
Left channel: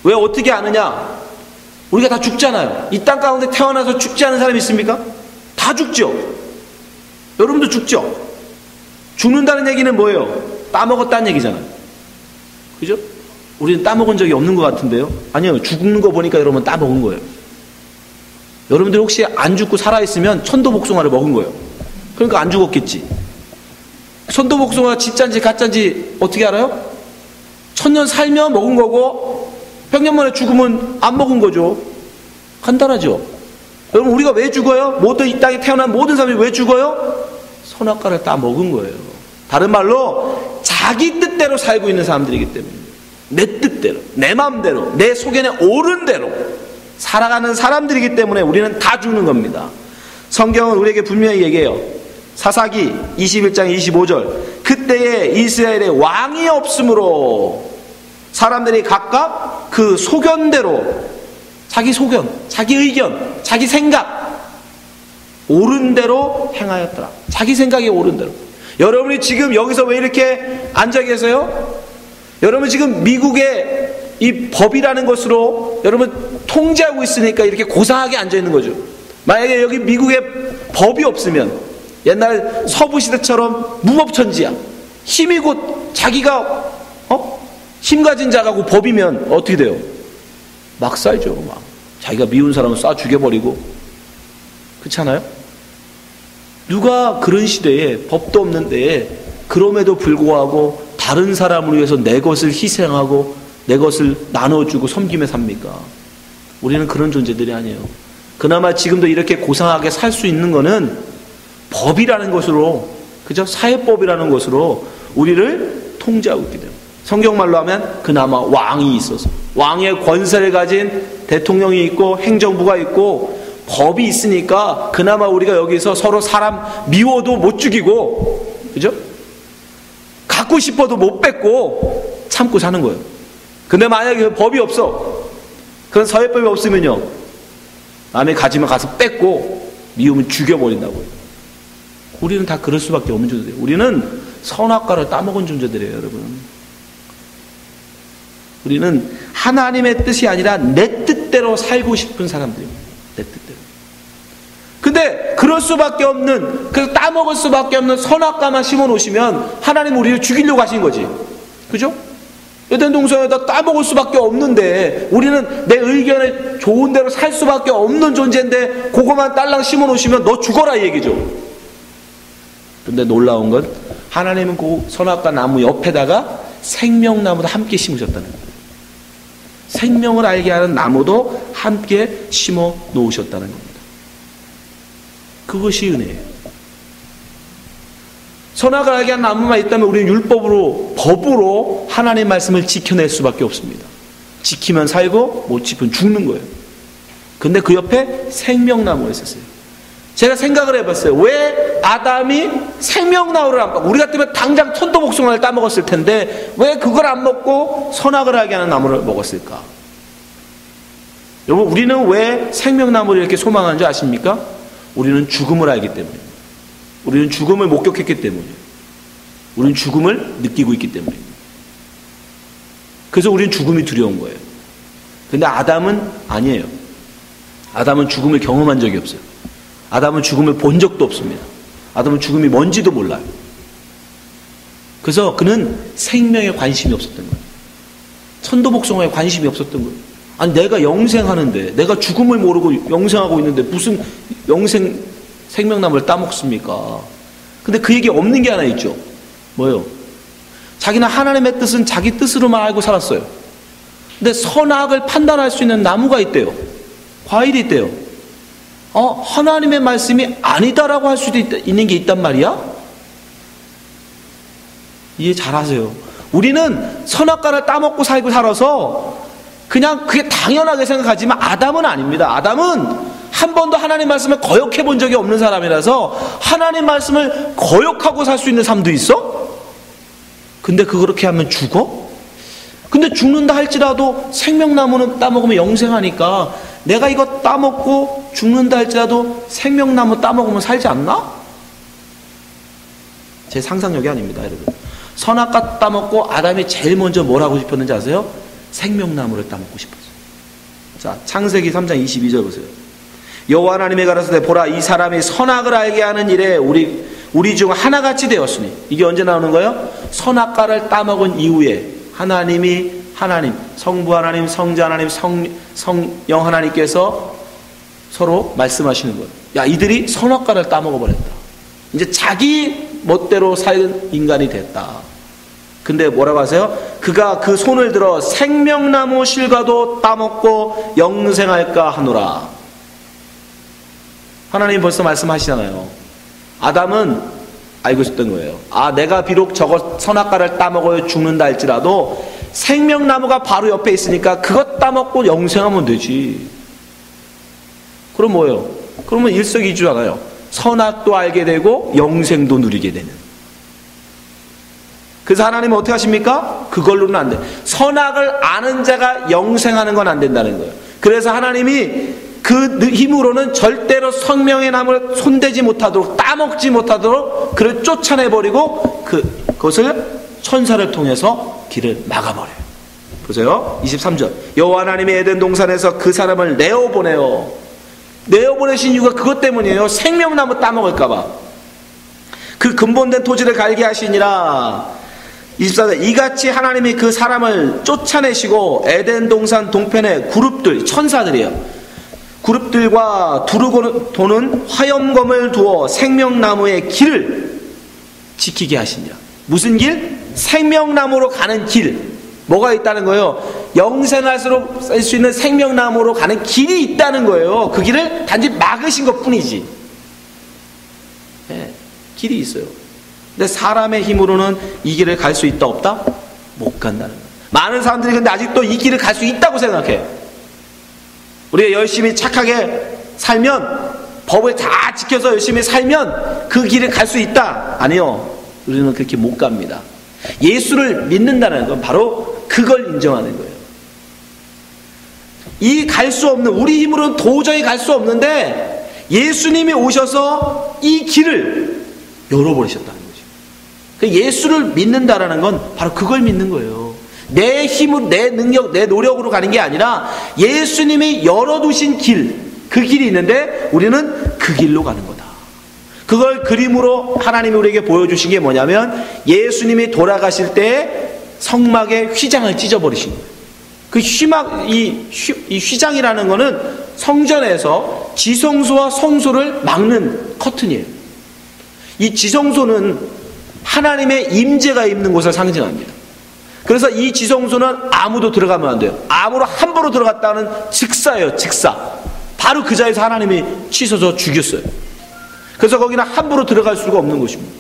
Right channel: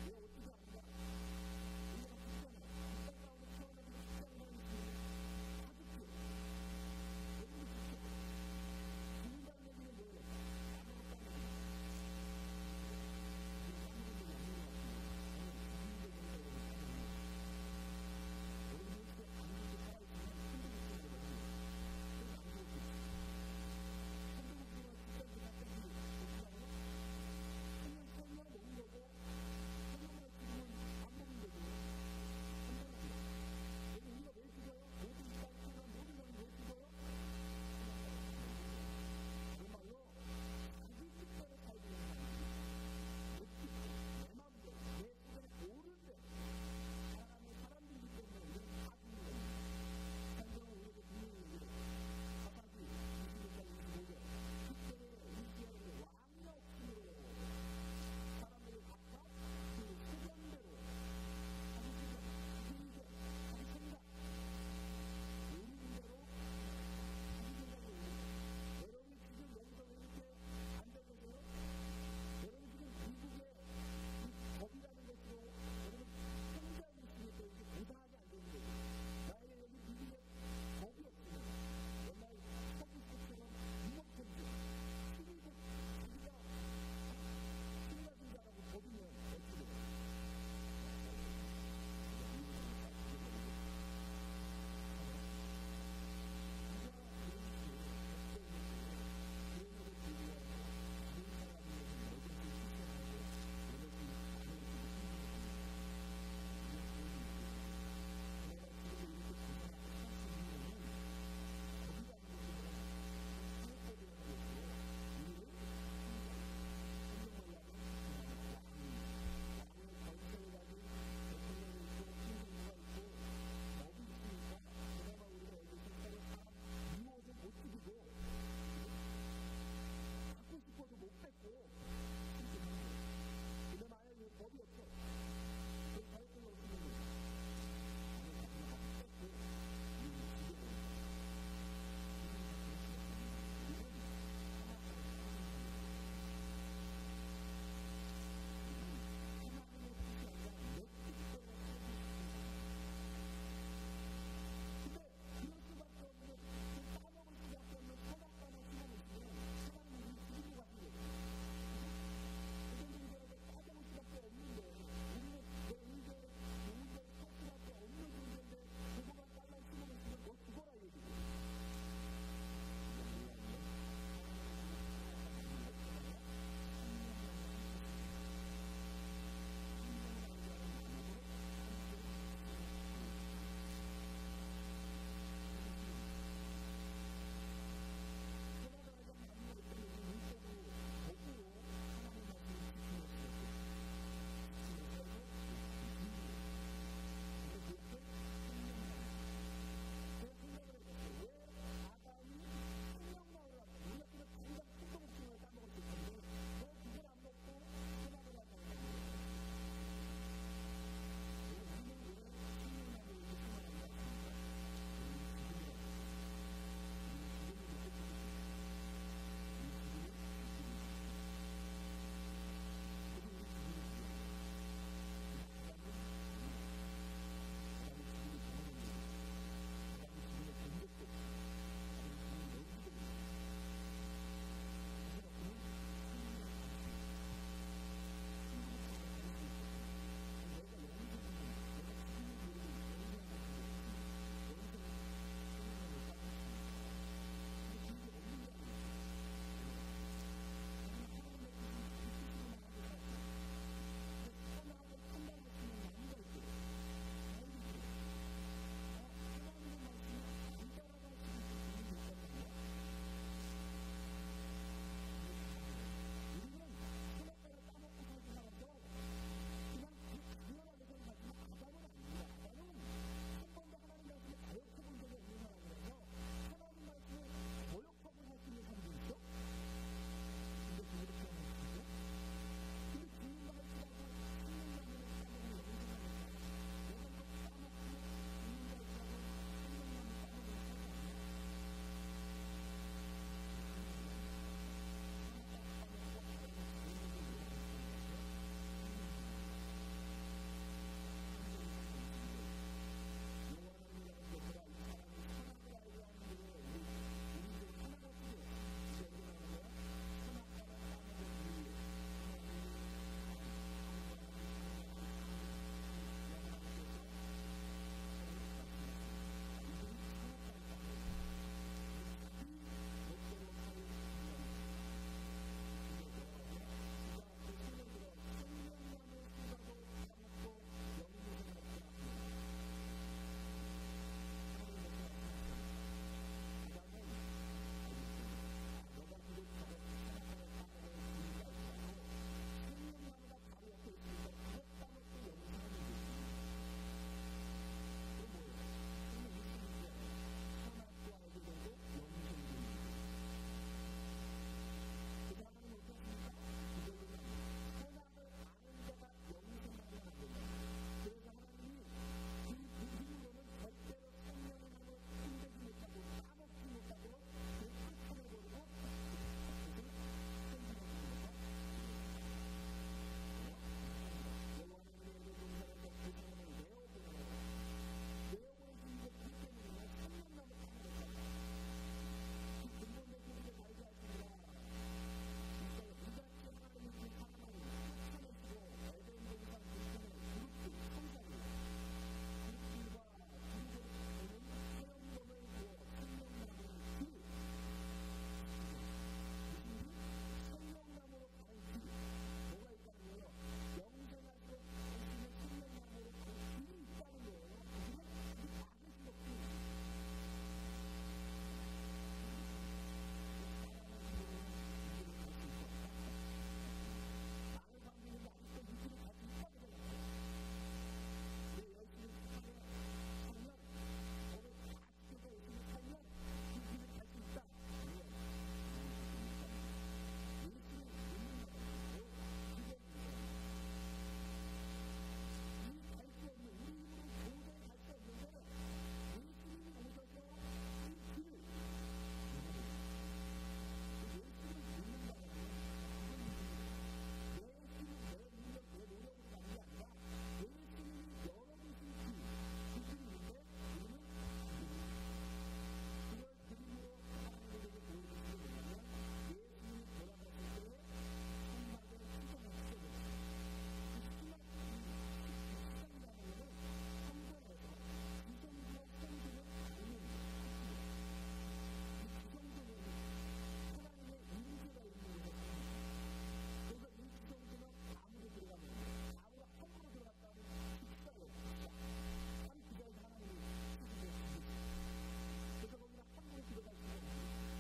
왜 어떻게 아느냐? 우리가 다 죽잖아요. 이 땅 가운데 태어나서 죽지 않은 사람이 있습니까? 다 죽죠. 여러분도 죽죠. 죽는다는 얘기는 뭐예요? 따먹었다는 얘기잖아요. 그죠? 우리는 따먹은 적이 없는 것 같은데요? 아니요, 죽는 거 보니까 여러분 따먹은 거예요. 여러분들 혹시 안 죽고 살아있으면 천도복숭아를 먹은 거예요. 그러니까 안 죽었겠지. 천도복숭아가 진짜인지 가짜인지 어떻게 알아요? 1000년 살면 먹은 거고 백년 만에 죽으면 안 먹은 거죠. 간단하죠. 여러분, 우리가 왜 죽어요? 모든 이 땅에 태어난 모든 사람이 왜 죽어요? 선악과를 따 먹은 거예요. 다른 말로 자기 뜻대로 살고 있는 사람들이기 때문에, 내 뜻대로, 내 마음대로, 내 속에는 옳은 대로 살아가는 사람들이기 때문에 우리는 다 죽는 겁니다. 성경은 우리에게 분명히 얘기해요. 사사기 21장 25절, 그때에 이스라엘에 왕이 없으므로 사람들이 각각 그 소견대로, 자기 소견, 자기 의견, 자기 생각, 옳은 대로 행하였더라. 자기 생각이 옳은 대로. 여러분이 지금 여기서 왜 이렇게 앉아 계세요? 여러분 지금 미국의 이 법이라는 것으로 여러분 통제하고 있으니까 이렇게 고상하게 앉아 있는 거죠. 만약에 여기 미국에 법이 없으면 옛날 서부시대처럼 무법천지야. 힘이 곧 자기가 힘 가진 자가고 법이면 어떻게 돼요? 막 쏴죠. 막 자기가 미운 사람은 쏴 죽여버리고. 그렇지 않아요? 누가 그런 시대에, 법도 없는 데에 그럼에도 불구하고 다른 사람을 위해서 내 것을 희생하고 내 것을 나눠주고 섬기며 삽니까? 우리는 그런 존재들이 아니에요. 그나마 지금도 이렇게 고상하게 살 수 있는 거는 법이라는 것으로, 그죠? 사회법이라는 것으로 우리를 통제하고 있기 때문에. 성경말로 하면 그나마 왕이 있어서, 왕의 권세를 가진 대통령이 있고 행정부가 있고 법이 있으니까 그나마 우리가 여기서 서로 사람 미워도 못 죽이고, 그죠? 갖고 싶어도 못 뺏고 참고 사는 거예요. 근데 만약에 법이 없어, 그런 사회법이 없으면요, 남이 가지면 가서 뺏고 미우면 죽여버린다고요. 우리는 다 그럴 수밖에 없는 존재들이에요. 우리는 선악과를 따먹은 존재들이에요, 여러분. 우리는 하나님의 뜻이 아니라 내 뜻대로 살고 싶은 사람들입니다. 내 뜻대로. 근데 그럴 수밖에 없는, 그래서 따먹을 수밖에 없는 선악과만 심어놓으시면 하나님 우리를 죽이려고 하신 거지. 그죠? 에덴 동산에다 따먹을 수밖에 없는데, 우리는 내 의견에 좋은 대로 살 수밖에 없는 존재인데 그거만 딸랑 심어놓으시면 너 죽어라 이 얘기죠. 근데 놀라운 건 하나님은 그 선악과 나무 옆에다가 생명나무도 함께 심으셨다는 거예요. 생명을 알게 하는 나무도 함께 심어 놓으셨다는 겁니다. 그것이 은혜예요. 선악을 알게 하는 나무만 있다면 우리는 율법으로, 법으로 하나님의 말씀을 지켜낼 수밖에 없습니다. 지키면 살고 못 지키면 죽는 거예요. 근데 그 옆에 생명나무가 있었어요. 제가 생각을 해봤어요. 왜 아담이 생명나무를 안 먹고, 우리 같으면 당장 천도복숭아를 따먹었을 텐데 왜 그걸 안 먹고 선악을 알게 하는 나무를 먹었을까? 여러분, 우리는 왜 생명나무를 이렇게 소망하는 줄 아십니까? 우리는 죽음을 알기 때문에, 우리는 죽음을 목격했기 때문에, 우리는 죽음을 느끼고 있기 때문에. 그래서 우리는 죽음이 두려운 거예요. 근데 아담은 아니에요. 아담은 죽음을 경험한 적이 없어요. 아담은 죽음을 본 적도 없습니다. 아담은 죽음이 뭔지도 몰라요. 그래서 그는 생명에 관심이 없었던 거예요. 천도복숭아에 관심이 없었던 거예요. 아니 내가 영생하는데, 내가 죽음을 모르고 영생하고 있는데 무슨 생명나무를 따먹습니까? 근데 그 얘기 없는 게 하나 있죠. 뭐예요? 자기는 하나님의 뜻은 자기 뜻으로만 알고 살았어요. 근데 선악을 판단할 수 있는 나무가 있대요. 과일이 있대요. 하나님의 말씀이 아니다라고 할 수도 있는 게 있단 말이야? 이해 잘하세요. 우리는 선악과를 따먹고 살고 살아서 그냥 그게 당연하게 생각하지만 아담은 아닙니다. 아담은 한 번도 하나님 말씀을 거역해 본 적이 없는 사람이라서 하나님 말씀을 거역하고 살 수 있는 삶도 있어? 근데 그렇게 하면 죽어? 근데 죽는다 할지라도 생명나무는 따먹으면 영생하니까 내가 이거 따먹고 죽는다 할지라도 생명나무 따먹으면 살지 않나? 제 상상력이 아닙니다, 여러분. 선악과 따먹고 아담이 제일 먼저 뭘 하고 싶었는지 아세요? 생명나무를 따먹고 싶었어요. 자, 창세기 3장 22절 보세요. 여호와 하나님이 가라사대 보라 이 사람이 선악을 알게 하는 일에 우리 중 하나같이 되었으니, 이게 언제 나오는 거예요? 선악과를 따먹은 이후에 하나님, 성부 하나님, 성자 하나님, 성령 하나님께서 서로 말씀하시는 거예요. 야, 이들이 선악과를 따먹어버렸다. 이제 자기 멋대로 살 인간이 됐다. 근데 뭐라고 하세요? 그가 그 손을 들어 생명나무 실과도 따먹고 영생할까 하노라. 하나님 벌써 말씀하시잖아요. 아담은 알고 있었던 거예요. 내가 비록 저거 선악과를 따먹어야 죽는다 할지라도 생명나무가 바로 옆에 있으니까 그것 따먹고 영생하면 되지. 그럼 뭐예요? 그러면 일석이조잖아요. 선악도 알게 되고 영생도 누리게 되는. 그래서 하나님은 어떻게 하십니까? 그걸로는 안 돼. 선악을 아는 자가 영생하는 건 안 된다는 거예요. 그래서 하나님이 그 힘으로는 절대로 생명의 나무를 손대지 못하도록, 따먹지 못하도록 그를 쫓아내버리고 그것을 천사를 통해서 길을 막아버려요. 보세요. 23절. 여호와 하나님이 에덴 동산에서 그 사람을 내어보내신 이유가 그것 때문이에요. 생명나무 따먹을까봐. 그 근본된 토지를 갈게 하시니라. 24절. 이같이 하나님이 그 사람을 쫓아내시고 에덴 동산 동편의 그룹들, 천사들이에요. 그룹들과 두르고 도는 화염검을 두어 생명나무의 길을 지키게 하시니라. 무슨 길? 생명나무로 가는 길. 뭐가 있다는 거예요? 영생할수록 쓸 수 있는 생명나무로 가는 길이 있다는 거예요. 그 길을 단지 막으신 것 뿐이지. 네, 길이 있어요. 근데 사람의 힘으로는 이 길을 갈 수 있다 없다? 못 간다는 거예요. 많은 사람들이 근데 아직도 이 길을 갈 수 있다고 생각해. 우리가 열심히 착하게 살면, 법을 다 지켜서 열심히 살면 그 길을 갈 수 있다. 아니요. 우리는 그렇게 못 갑니다. 예수를 믿는다는 건 바로 그걸 인정하는 거예요. 이 갈 수 없는, 우리 힘으로는 도저히 갈 수 없는데 예수님이 오셔서 이 길을 열어버리셨다는 거죠. 예수를 믿는다라는 건 바로 그걸 믿는 거예요. 내 힘으로, 내 능력, 내 노력으로 가는 게 아니라 예수님이 열어두신 길, 그 길이 있는데 우리는 그 길로 가는 거다. 그걸 그림으로 하나님이 우리에게 보여주신 게 뭐냐면 예수님이 돌아가실 때 성막의 휘장을 찢어버리신 거예요. 그 이 휘장이라는 거는 성전에서 지성소와 성소를 막는 커튼이에요. 이 지성소는 하나님의 임재가 있는 곳을 상징합니다. 그래서 이 지성소는 아무도 들어가면 안 돼요. 아무로 함부로 들어갔다는 즉사예요. 즉사. 바로 그 자리에서 하나님이 치셔서 죽였어요. 그래서 거기는 함부로 들어갈 수가 없는 곳입니다.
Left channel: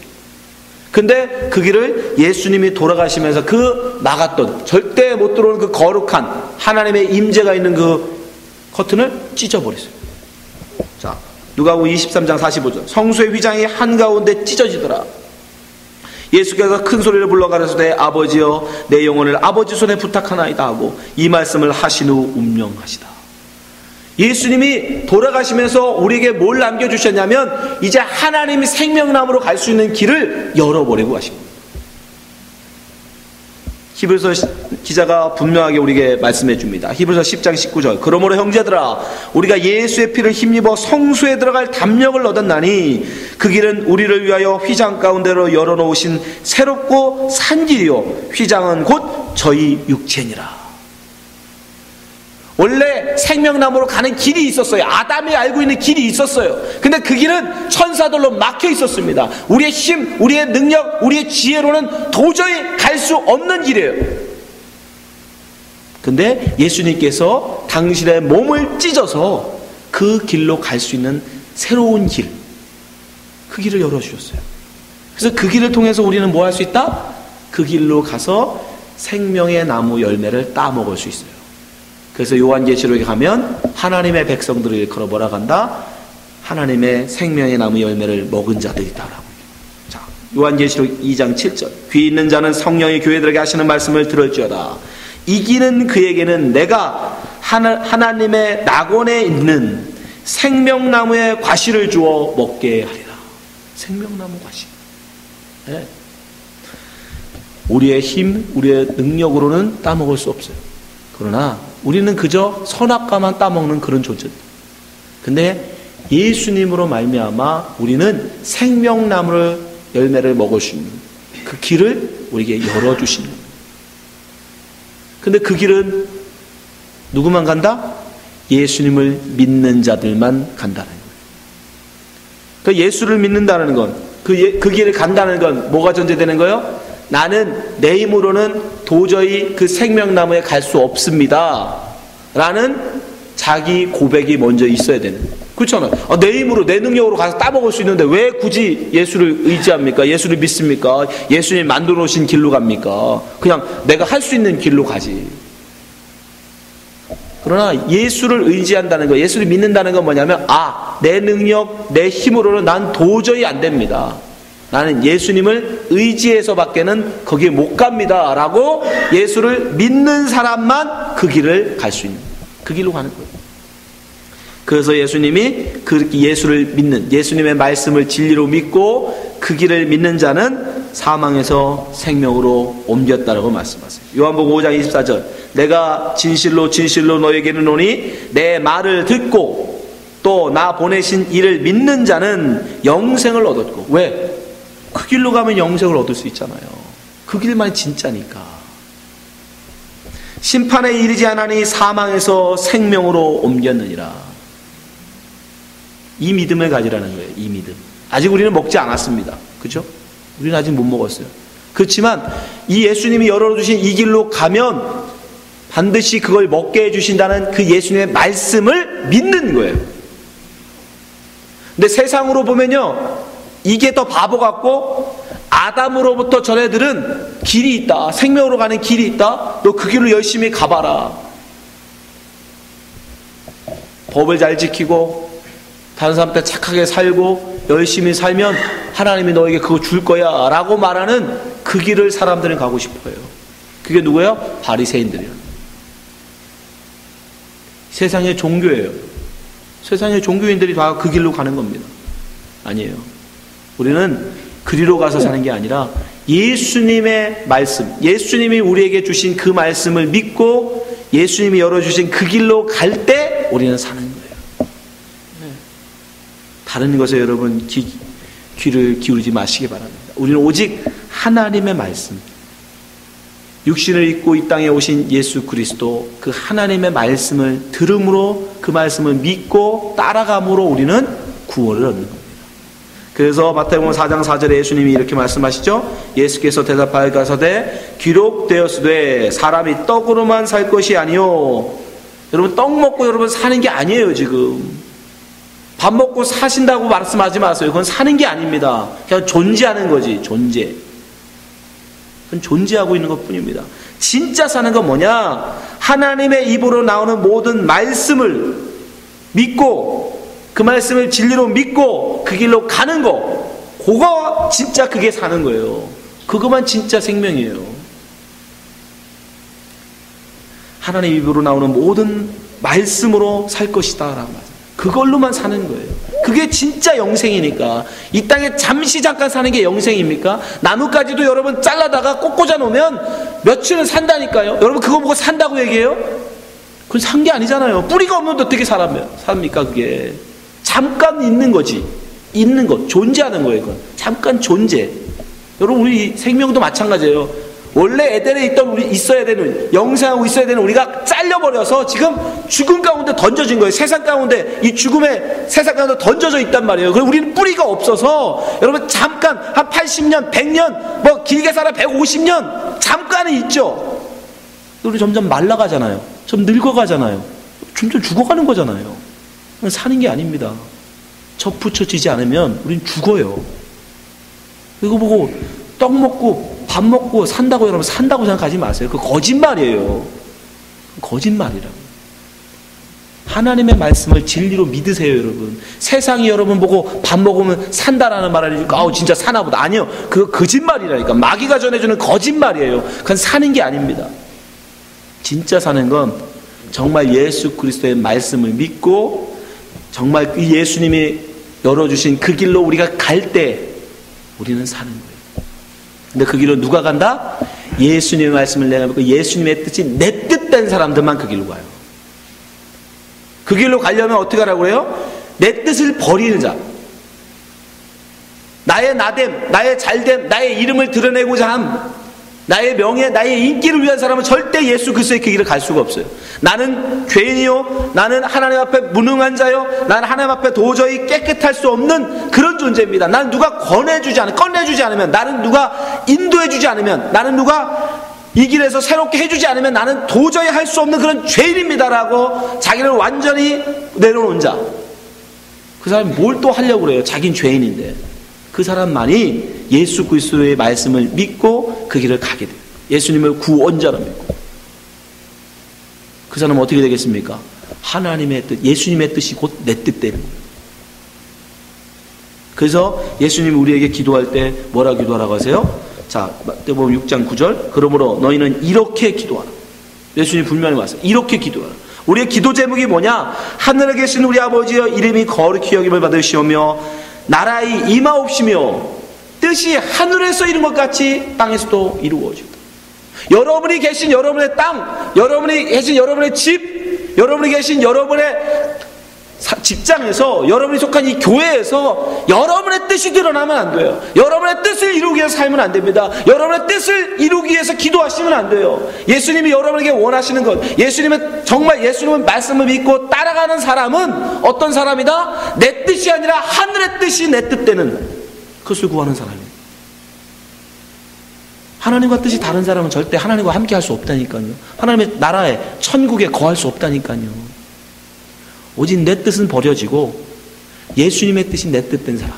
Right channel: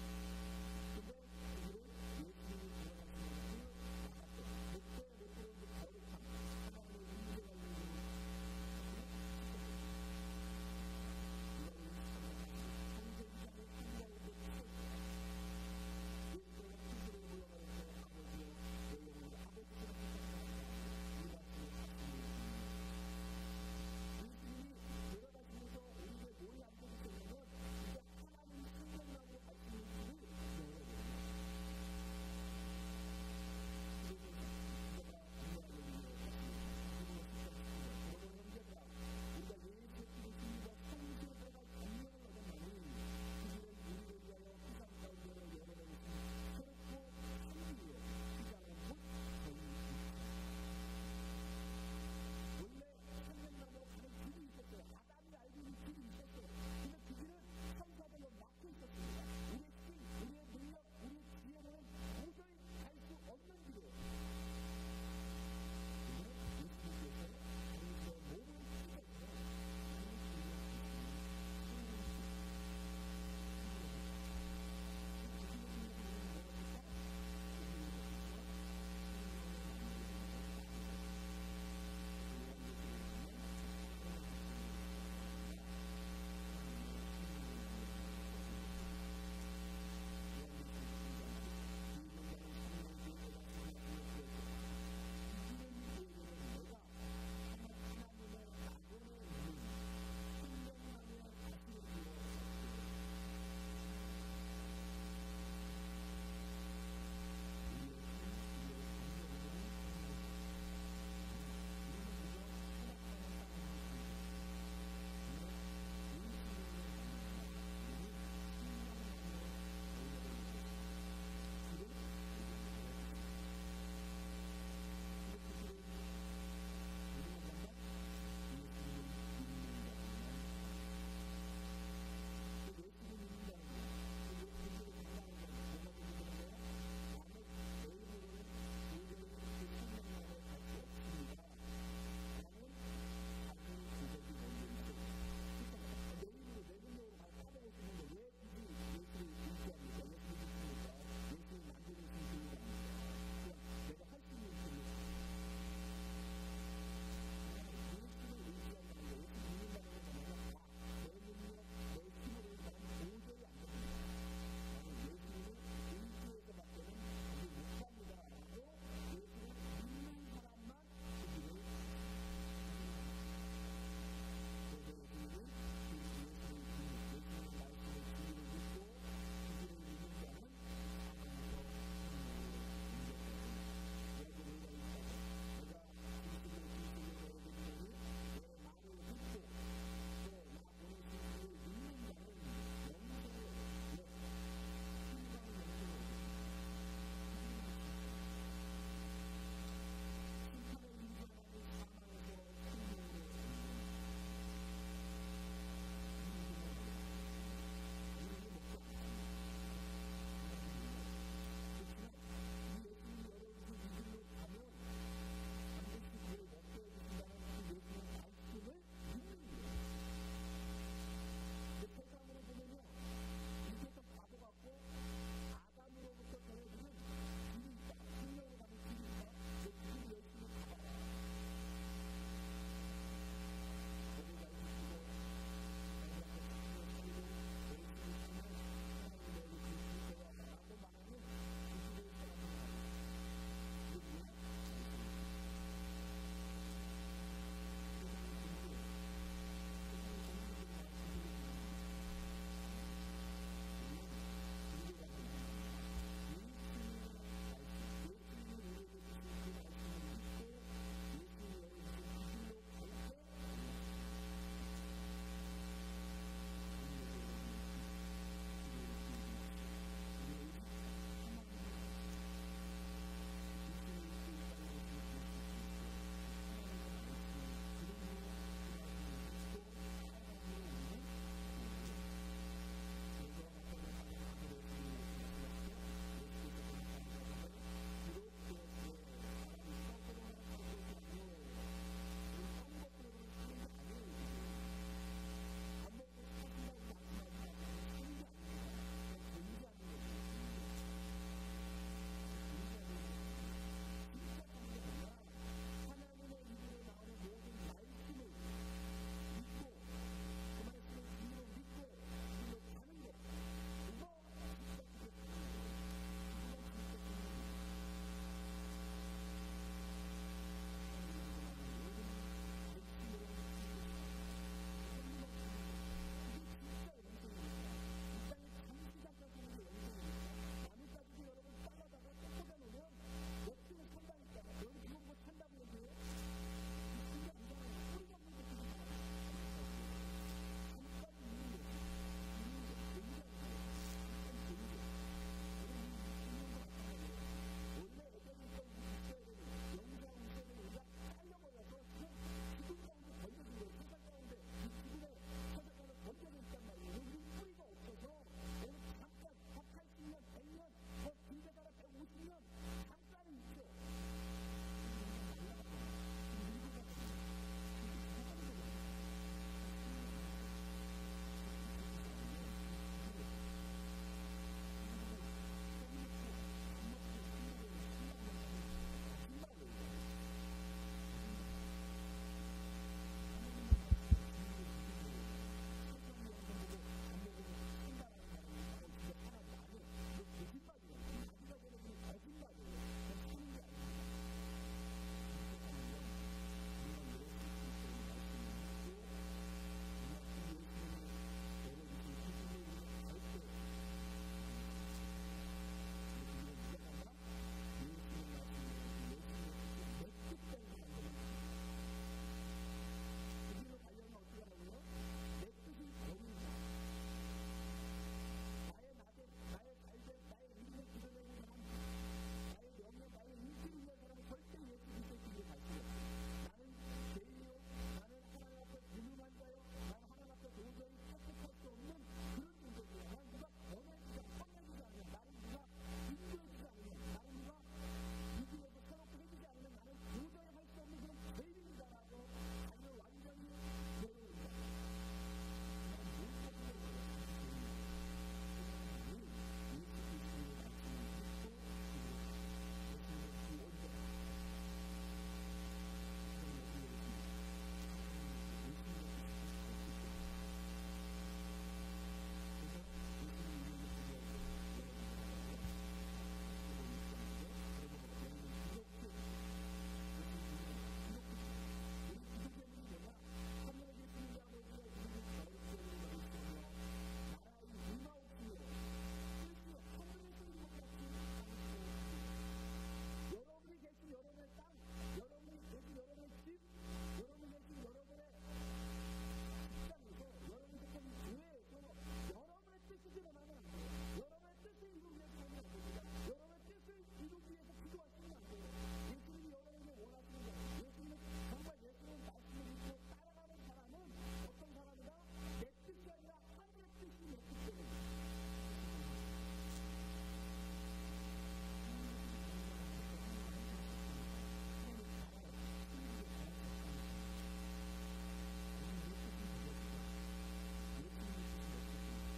근데 그 길을 예수님이 돌아가시면서 그 막았던, 절대 못 들어오는 그 거룩한 하나님의 임재가 있는 그 커튼을 찢어버렸어요. 자, 누가복음 23장 45절. 성소의 휘장이 한가운데 찢어지더라. 예수께서 큰 소리를 불러 가라사대 아버지여 내 영혼을 아버지 손에 부탁하나이다 하고 이 말씀을 하신 후 운명하시다. 예수님이 돌아가시면서 우리에게 뭘 남겨주셨냐면 이제 하나님이 생명나무로 갈 수 있는 길을 열어버리고 가신 겁니다. 히브리서 기자가 분명하게 우리에게 말씀해 줍니다. 히브리서 10장 19절. 그러므로 형제들아 우리가 예수의 피를 힘입어 성소에 들어갈 담력을 얻었나니 그 길은 우리를 위하여 휘장 가운데로 열어놓으신 새롭고 산 길이요 휘장은 곧 저희 육체니라. 원래 생명나무로 가는 길이 있었어요. 아담이 알고 있는 길이 있었어요. 근데 그 길은 천사들로 막혀 있었습니다. 우리의 힘, 우리의 능력, 우리의 지혜로는 도저히 갈 수 없는 길이에요. 근데 예수님께서 당신의 몸을 찢어서 그 길로 갈 수 있는 새로운 길, 그 길을 열어주셨어요. 그래서 그 길을 통해서 우리는 뭐 할 수 있다? 그 길로 가서 생명의 나무 열매를 따먹을 수 있어요. 그래서 요한계시록에 가면 하나님의 백성들을 일컬어 뭐라 한다? 하나님의 생명의 나무 열매를 먹은 자들이다라고. 자, 요한계시록 2장 7절. 귀 있는 자는 성령이 교회들에게 하시는 말씀을 들을지어다. 이기는 그에게는 내가 하나님의 낙원에 있는 생명나무의 과실을 주어 먹게 하리라. 생명나무 과실. 네. 우리의 힘, 우리의 능력으로는 따먹을 수 없어요. 그러나 우리는 그저 선악과만 따먹는 그런 존재입니다. 근데 예수님으로 말미암아 우리는 생명나무를 열매를 먹을 수 있는 그 길을 우리에게 열어주시는 거예요. 근데 그 길은 누구만 간다? 예수님을 믿는 자들만 간다는 거예요. 그 예수를 믿는다는 건, 그 길을 간다는 건 뭐가 전제되는 거예요? 나는 내 힘으로는 도저히 그 생명나무에 갈 수 없습니다 라는 자기 고백이 먼저 있어야 되는 거예요. 그렇잖아요. 내 힘으로 내 능력으로 가서 따먹을 수 있는데 왜 굳이 예수를 의지합니까? 예수를 믿습니까? 예수님 만들어 놓으신 길로 갑니까? 그냥 내가 할 수 있는 길로 가지. 그러나 예수를 의지한다는 거, 예수를 믿는다는 건 뭐냐면 내 능력, 내 힘으로는 난 도저히 안 됩니다. 나는 예수님을 의지해서 밖에는 거기에 못 갑니다 라고 예수를 믿는 사람만 그 길을 갈 수 있는, 그 길로 가는 거예요. 그래서 예수님이 그렇게 예수를 믿는, 예수님의 말씀을 진리로 믿고 그 길을 믿는 자는 사망에서 생명으로 옮겼다라고 말씀하세요. 요한복음 5장 24절. 내가 진실로 진실로 너에게 이르노니 내 말을 듣고 또 나 보내신 이를 믿는 자는 영생을 얻었고. 왜? 그 길로 가면 영생을 얻을 수 있잖아요. 그 길만이 진짜니까. 심판에 이르지 않으니 사망에서 생명으로 옮겼느니라. 이 믿음을 가지라는 거예요. 이 믿음. 아직 우리는 먹지 않았습니다. 그죠? 우리는 아직 못 먹었어요. 그렇지만 이 예수님이 열어주신 이 길로 가면 반드시 그걸 먹게 해주신다는 그 예수님의 말씀을 믿는 거예요. 근데 세상으로 보면요, 이게 더 바보 같고, 아담으로부터 전애들은 길이 있다, 생명으로 가는 길이 있다, 너 그 길로 열심히 가봐라. 법을 잘 지키고 다른 사람한테 착하게 살고 열심히 살면 하나님이 너에게 그거 줄 거야 라고 말하는 그 길을 사람들은 가고 싶어요. 그게 누구예요? 바리새인들이에요. 세상의 종교예요. 세상의 종교인들이 다 그 길로 가는 겁니다. 아니에요. 우리는 그리로 가서 사는 게 아니라 예수님의 말씀, 예수님이 우리에게 주신 그 말씀을 믿고 예수님이 열어주신 그 길로 갈 때 우리는 사는 거예요. 다른 것에 여러분 귀를 기울이지 마시기 바랍니다. 우리는 오직 하나님의 말씀, 육신을 입고 이 땅에 오신 예수 그리스도, 그 하나님의 말씀을 들음으로 그 말씀을 믿고 따라감으로 우리는 구원을 얻는 겁니다. 그래서 마태복음 4장 4절에 예수님이 이렇게 말씀하시죠. 예수께서 대답하여 가라사대 기록되었으되 사람이 떡으로만 살 것이 아니요. 여러분, 떡 먹고 여러분 사는 게 아니에요. 지금 밥 먹고 사신다고 말씀하지 마세요. 그건 사는 게 아닙니다. 그냥 존재하는 거지. 존재. 그건 존재하고 있는 것 뿐입니다. 진짜 사는 건 뭐냐? 하나님의 입으로 나오는 모든 말씀을 믿고 그 말씀을 진리로 믿고 그 길로 가는 거, 그거 진짜 그게 사는 거예요. 그것만 진짜 생명이에요. 하나님 입으로 나오는 모든 말씀으로 살 것이다 라고 말해요. 그걸로만 사는 거예요. 그게 진짜 영생이니까. 이 땅에 잠시 잠깐 사는 게 영생입니까? 나뭇가지도 여러분 잘라다가 꼭 꽂아 놓으면 며칠은 산다니까요. 여러분 그거 보고 산다고 얘기해요? 그건 산 게 아니잖아요. 뿌리가 없는데 어떻게 삽니까 그게? 잠깐 있는 거지. 있는 것, 존재하는 거예요. 그건 잠깐 존재. 여러분 우리 생명도 마찬가지예요. 원래 에덴에 있어야 되는, 영생하고 있어야 되는 우리가 잘려버려서 지금 죽음 가운데 던져진 거예요. 세상 가운데, 이 죽음의 세상 가운데 던져져 있단 말이에요. 그리고 우리는 뿌리가 없어서, 여러분 잠깐 한 80년, 100년, 뭐 길게 살아 150년 잠깐은 있죠. 우리 점점 말라가잖아요. 좀 늙어가잖아요. 점점 죽어가는 거잖아요. 사는 게 아닙니다. 접붙여지지 않으면 우린 죽어요. 이거 보고 떡 먹고 밥 먹고 산다고 여러분 산다고 생각하지 마세요. 그거 거짓말이에요. 거짓말이라고. 하나님의 말씀을 진리로 믿으세요, 여러분. 세상이 여러분 보고 밥 먹으면 산다라는 말을 하니까 아우 진짜 사나 보다. 아니요. 그거 거짓말이라니까. 마귀가 전해주는 거짓말이에요. 그건 사는 게 아닙니다. 진짜 사는 건 정말 예수 그리스도의 말씀을 믿고 정말 그 예수님이 열어주신 그 길로 우리가 갈 때 우리는 사는 거예요. 근데 그 길로 누가 간다? 예수님의 말씀을 내가 믿고 예수님의 뜻이 내 뜻된 사람들만 그 길로 가요. 그 길로 가려면 어떻게 하라고 그래요? 내 뜻을 버리는 자, 나의 나됨, 나의 잘됨, 나의 이름을 드러내고자 함, 나의 명예, 나의 인기를 위한 사람은 절대 예수 그리스도의 그 길을 갈 수가 없어요. 나는 죄인이요, 나는 하나님 앞에 무능한 자요, 나는 하나님 앞에 도저히 깨끗할 수 없는 그런 존재입니다. 나는 누가 꺼내주지 않으면, 나는 누가 인도해주지 않으면, 나는 누가 이 길에서 새롭게 해주지 않으면 나는 도저히 할 수 없는 그런 죄인입니다라고 자기를 완전히 내려놓은 자, 그 사람이 뭘 또 하려고 그래요? 자긴 죄인인데. 그 사람만이 예수 그리스도의 말씀을 믿고 그 길을 가게 돼요. 예수님을 구원자로 믿고. 그 사람은 어떻게 되겠습니까? 하나님의 뜻, 예수님의 뜻이 곧 내 뜻 되는 거예요. 그래서 예수님이 우리에게 기도할 때 뭐라 기도하라고 하세요? 자, 마태복음 6장 9절. 그러므로 너희는 이렇게 기도하라. 예수님이 분명히 말했어요. 이렇게 기도하라. 우리의 기도 제목이 뭐냐? 하늘에 계신 우리 아버지여 이름이 거룩히 여김을 받으시오며 나라의 임하옵시며 뜻이 하늘에서 이룬 것 같이 땅에서도 이루어지고. 여러분이 계신 여러분의 땅, 여러분이 계신 여러분의 집, 여러분이 계신 여러분의 직장에서, 여러분이 속한 이 교회에서 여러분의 뜻이 드러나면 안 돼요. 여러분의 뜻을 이루기 위해서 살면 안 됩니다. 여러분의 뜻을 이루기 위해서 기도하시면 안 돼요. 예수님이 여러분에게 원하시는 것, 정말 예수님의 말씀을 믿고 따라가는 사람은 어떤 사람이다? 내 뜻이 아니라 하늘의 뜻이 내 뜻되는 그것을 구하는 사람이에요. 하나님과 뜻이 다른 사람은 절대 하나님과 함께 할 수 없다니까요. 하나님의 나라에, 천국에 거할 수 없다니까요. 오직 내 뜻은 버려지고 예수님의 뜻이 내 뜻된 사람,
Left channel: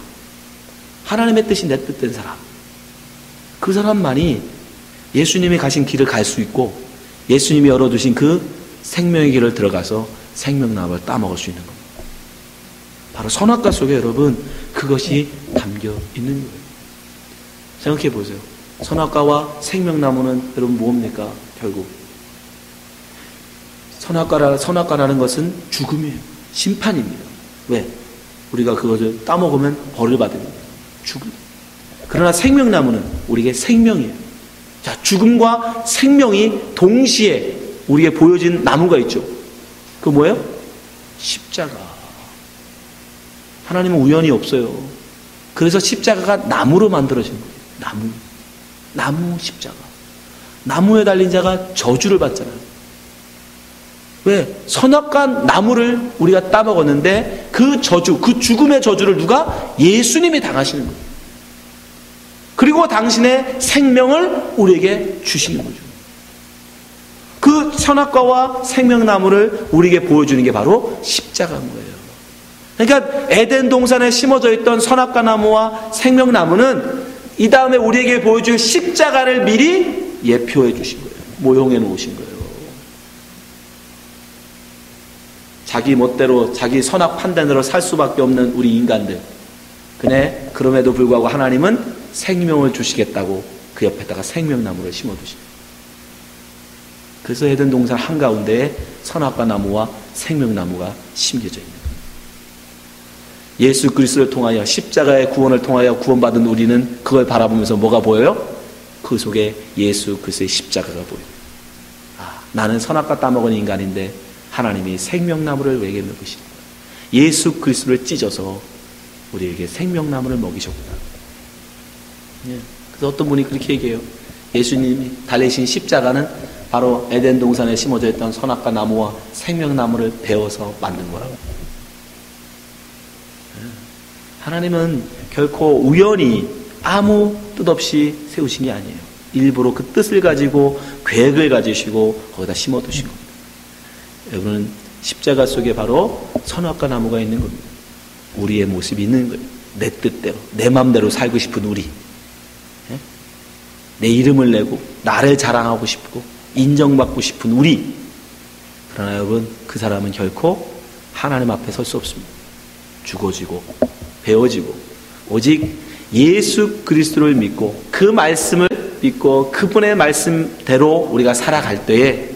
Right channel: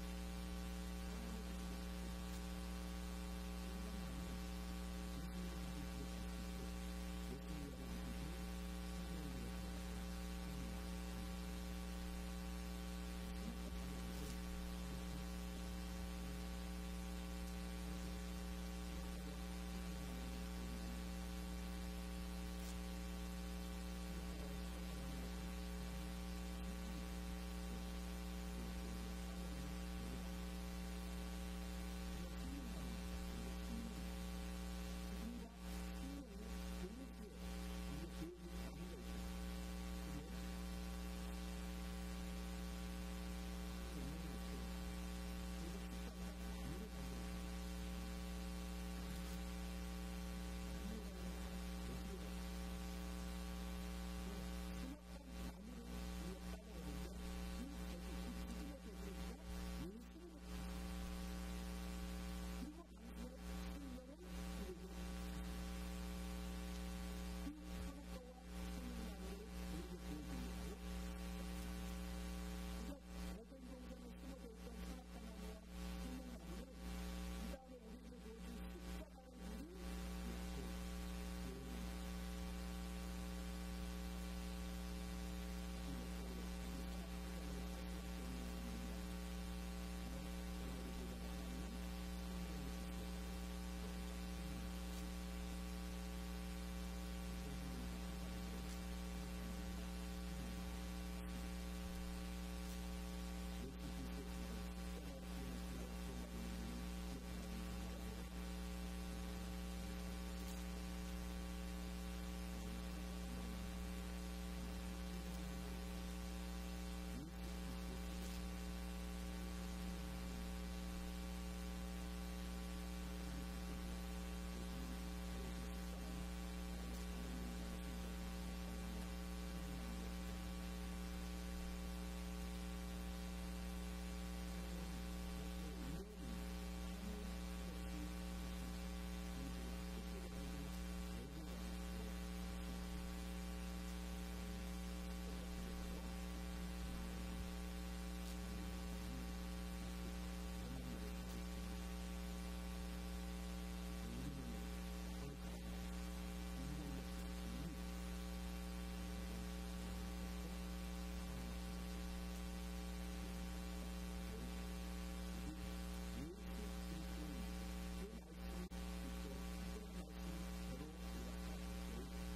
하나님의 뜻이 내 뜻된 사람, 그 사람만이 예수님이 가신 길을 갈 수 있고 예수님이 열어두신 그 생명의 길을 들어가서 생명나무를 따먹을 수 있는 겁니다. 바로 선악과 속에 여러분 그것이 담겨 있는 거예요. 생각해 보세요. 선악과와 생명나무는 여러분 뭡니까? 결국 선악과라는 것은 죽음이에요. 심판입니다. 왜? 우리가 그것을 따먹으면 벌을 받습니다. 죽음. 그러나 생명나무는 우리에게 생명이에요. 자, 죽음과 생명이 동시에 우리에게 보여진 나무가 있죠. 그거 뭐예요? 십자가. 하나님은 우연이 없어요. 그래서 십자가가 나무로 만들어진 거예요. 나무 십자가. 나무에 달린 자가 저주를 받잖아요. 왜? 선악과 나무를 우리가 따먹었는데 그 저주, 그 죽음의 저주를 누가? 예수님이 당하시는 거예요. 그리고 당신의 생명을 우리에게 주시는 거죠. 그 선악과와 생명나무를 우리에게 보여주는 게 바로 십자가인 거예요. 그러니까 에덴 동산에 심어져 있던 선악과 나무와 생명나무는 이 다음에 우리에게 보여줄 십자가를 미리 예표해 주신 거예요. 모형해 놓으신 거예요. 자기 멋대로 자기 선악 판단으로 살 수밖에 없는 우리 인간들. 근데 그럼에도 불구하고 하나님은 생명을 주시겠다고 그 옆에다가 생명나무를 심어두십니다. 그래서 에덴 동산 한가운데에 선악과 나무와 생명나무가 심겨져 있는 거예요. 예수 그리스도를 통하여 십자가의 구원을 통하여 구원받은 우리는 그걸 바라보면서 뭐가 보여요? 그 속에 예수 그리스도의 십자가가 보여요. 나는 선악과 따먹은 인간인데 하나님이 생명나무를 우리에게 먹이시는 거예요. 예수 그리스도를 찢어서 우리에게 생명나무를 먹이셨구나. 그래서 어떤 분이 그렇게 얘기해요. 예수님이 달리신 십자가는 바로 에덴 동산에 심어져 있던 선악과 나무와 생명나무를 베어서 만든 거라고. 하나님은 결코 우연히 아무 뜻 없이 세우신 게 아니에요. 일부러 그 뜻을 가지고 계획을 가지시고 거기다 심어두신 겁니다. 여러분은 십자가 속에 바로 선악과 나무가 있는 겁니다. 우리의 모습이 있는 거예요. 내 뜻대로, 내 마음대로 살고 싶은 우리. 내 이름을 내고 나를 자랑하고 싶고 인정받고 싶은 우리. 그러나 여러분, 그 사람은 결코 하나님 앞에 설 수 없습니다. 죽어지고 베어지고 오직 예수 그리스도를 믿고 그 말씀을 믿고 그분의 말씀대로 우리가 살아갈 때에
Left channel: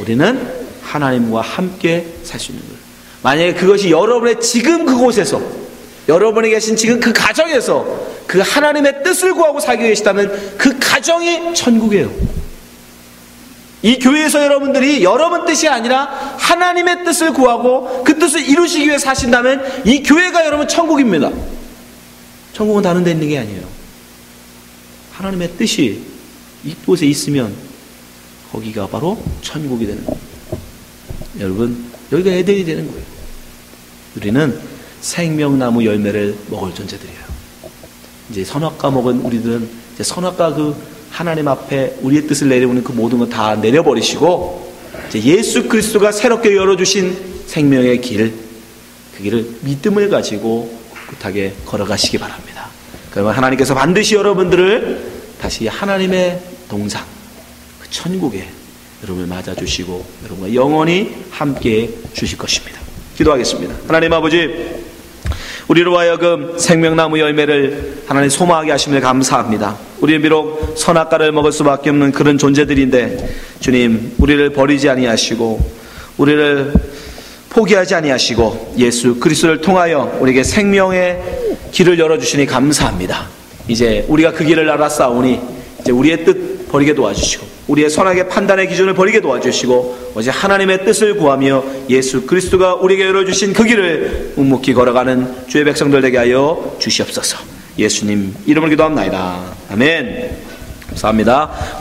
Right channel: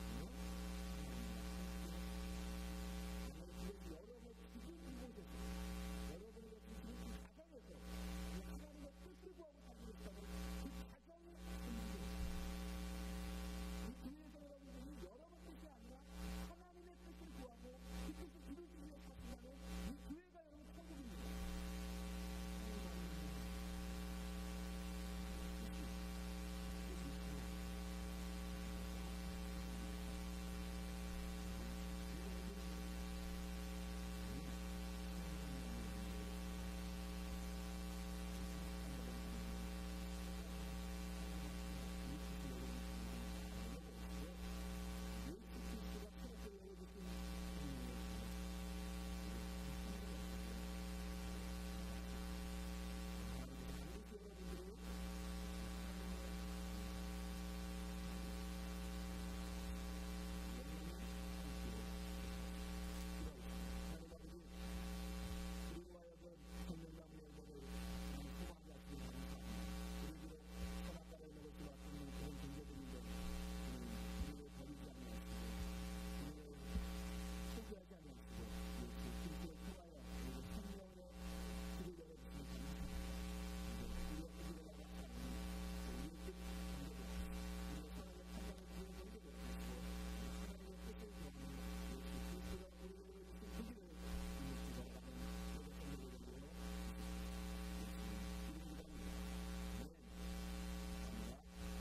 우리는 하나님과 함께 살 수 있는 거예요. 만약에 그것이 여러분의 지금 그곳에서, 여러분이 계신 지금 그 가정에서 그 하나님의 뜻을 구하고 살고 계시다면 그 가정이 천국이에요. 이 교회에서 여러분들이 여러분 뜻이 아니라 하나님의 뜻을 구하고 그 뜻을 이루시기 위해 사신다면 이 교회가 여러분 천국입니다. 천국은 다른 데 있는 게 아니에요. 하나님의 뜻이 이곳에 있으면 거기가 바로 천국이 되는 거예요. 여러분, 여기가 에덴이 되는 거예요. 우리는 생명나무 열매를 먹을 존재들이에요. 이제 선악과 먹은 우리들은 이제 선악과 그 하나님 앞에 우리의 뜻을 내려오는 그 모든 거 다 내려버리시고 이제 예수 그리스도가 새롭게 열어주신 생명의 길, 그 길을 믿음을 가지고 꿋꿋하게 걸어가시기 바랍니다. 그러면 하나님께서 반드시 여러분들을 다시 하나님의 동산, 그 천국에 여러분을 맞아주시고 여러분과 영원히 함께 주실 것입니다. 기도하겠습니다. 하나님 아버지, 우리로 하여금 생명나무 열매를 하나님 소망하게 하심을 감사합니다. 우리는 비록 선악과를 먹을 수밖에 없는 그런 존재들인데 주님, 우리를 버리지 아니하시고 우리를 포기하지 아니하시고 예수 그리스도를 통하여 우리에게 생명의 길을 열어주시니 감사합니다. 이제 우리가 그 길을 알았사오니 이제 우리의 뜻 버리게 도와주시고 우리의 선악의 판단의 기준을 버리게 도와주시고 오직 하나님의 뜻을 구하며 예수 그리스도가 우리에게 열어주신 그 길을 묵묵히 걸어가는 주의 백성들 되게 하여 주시옵소서. 예수님 이름으로 기도합나이다. 아멘. 감사합니다.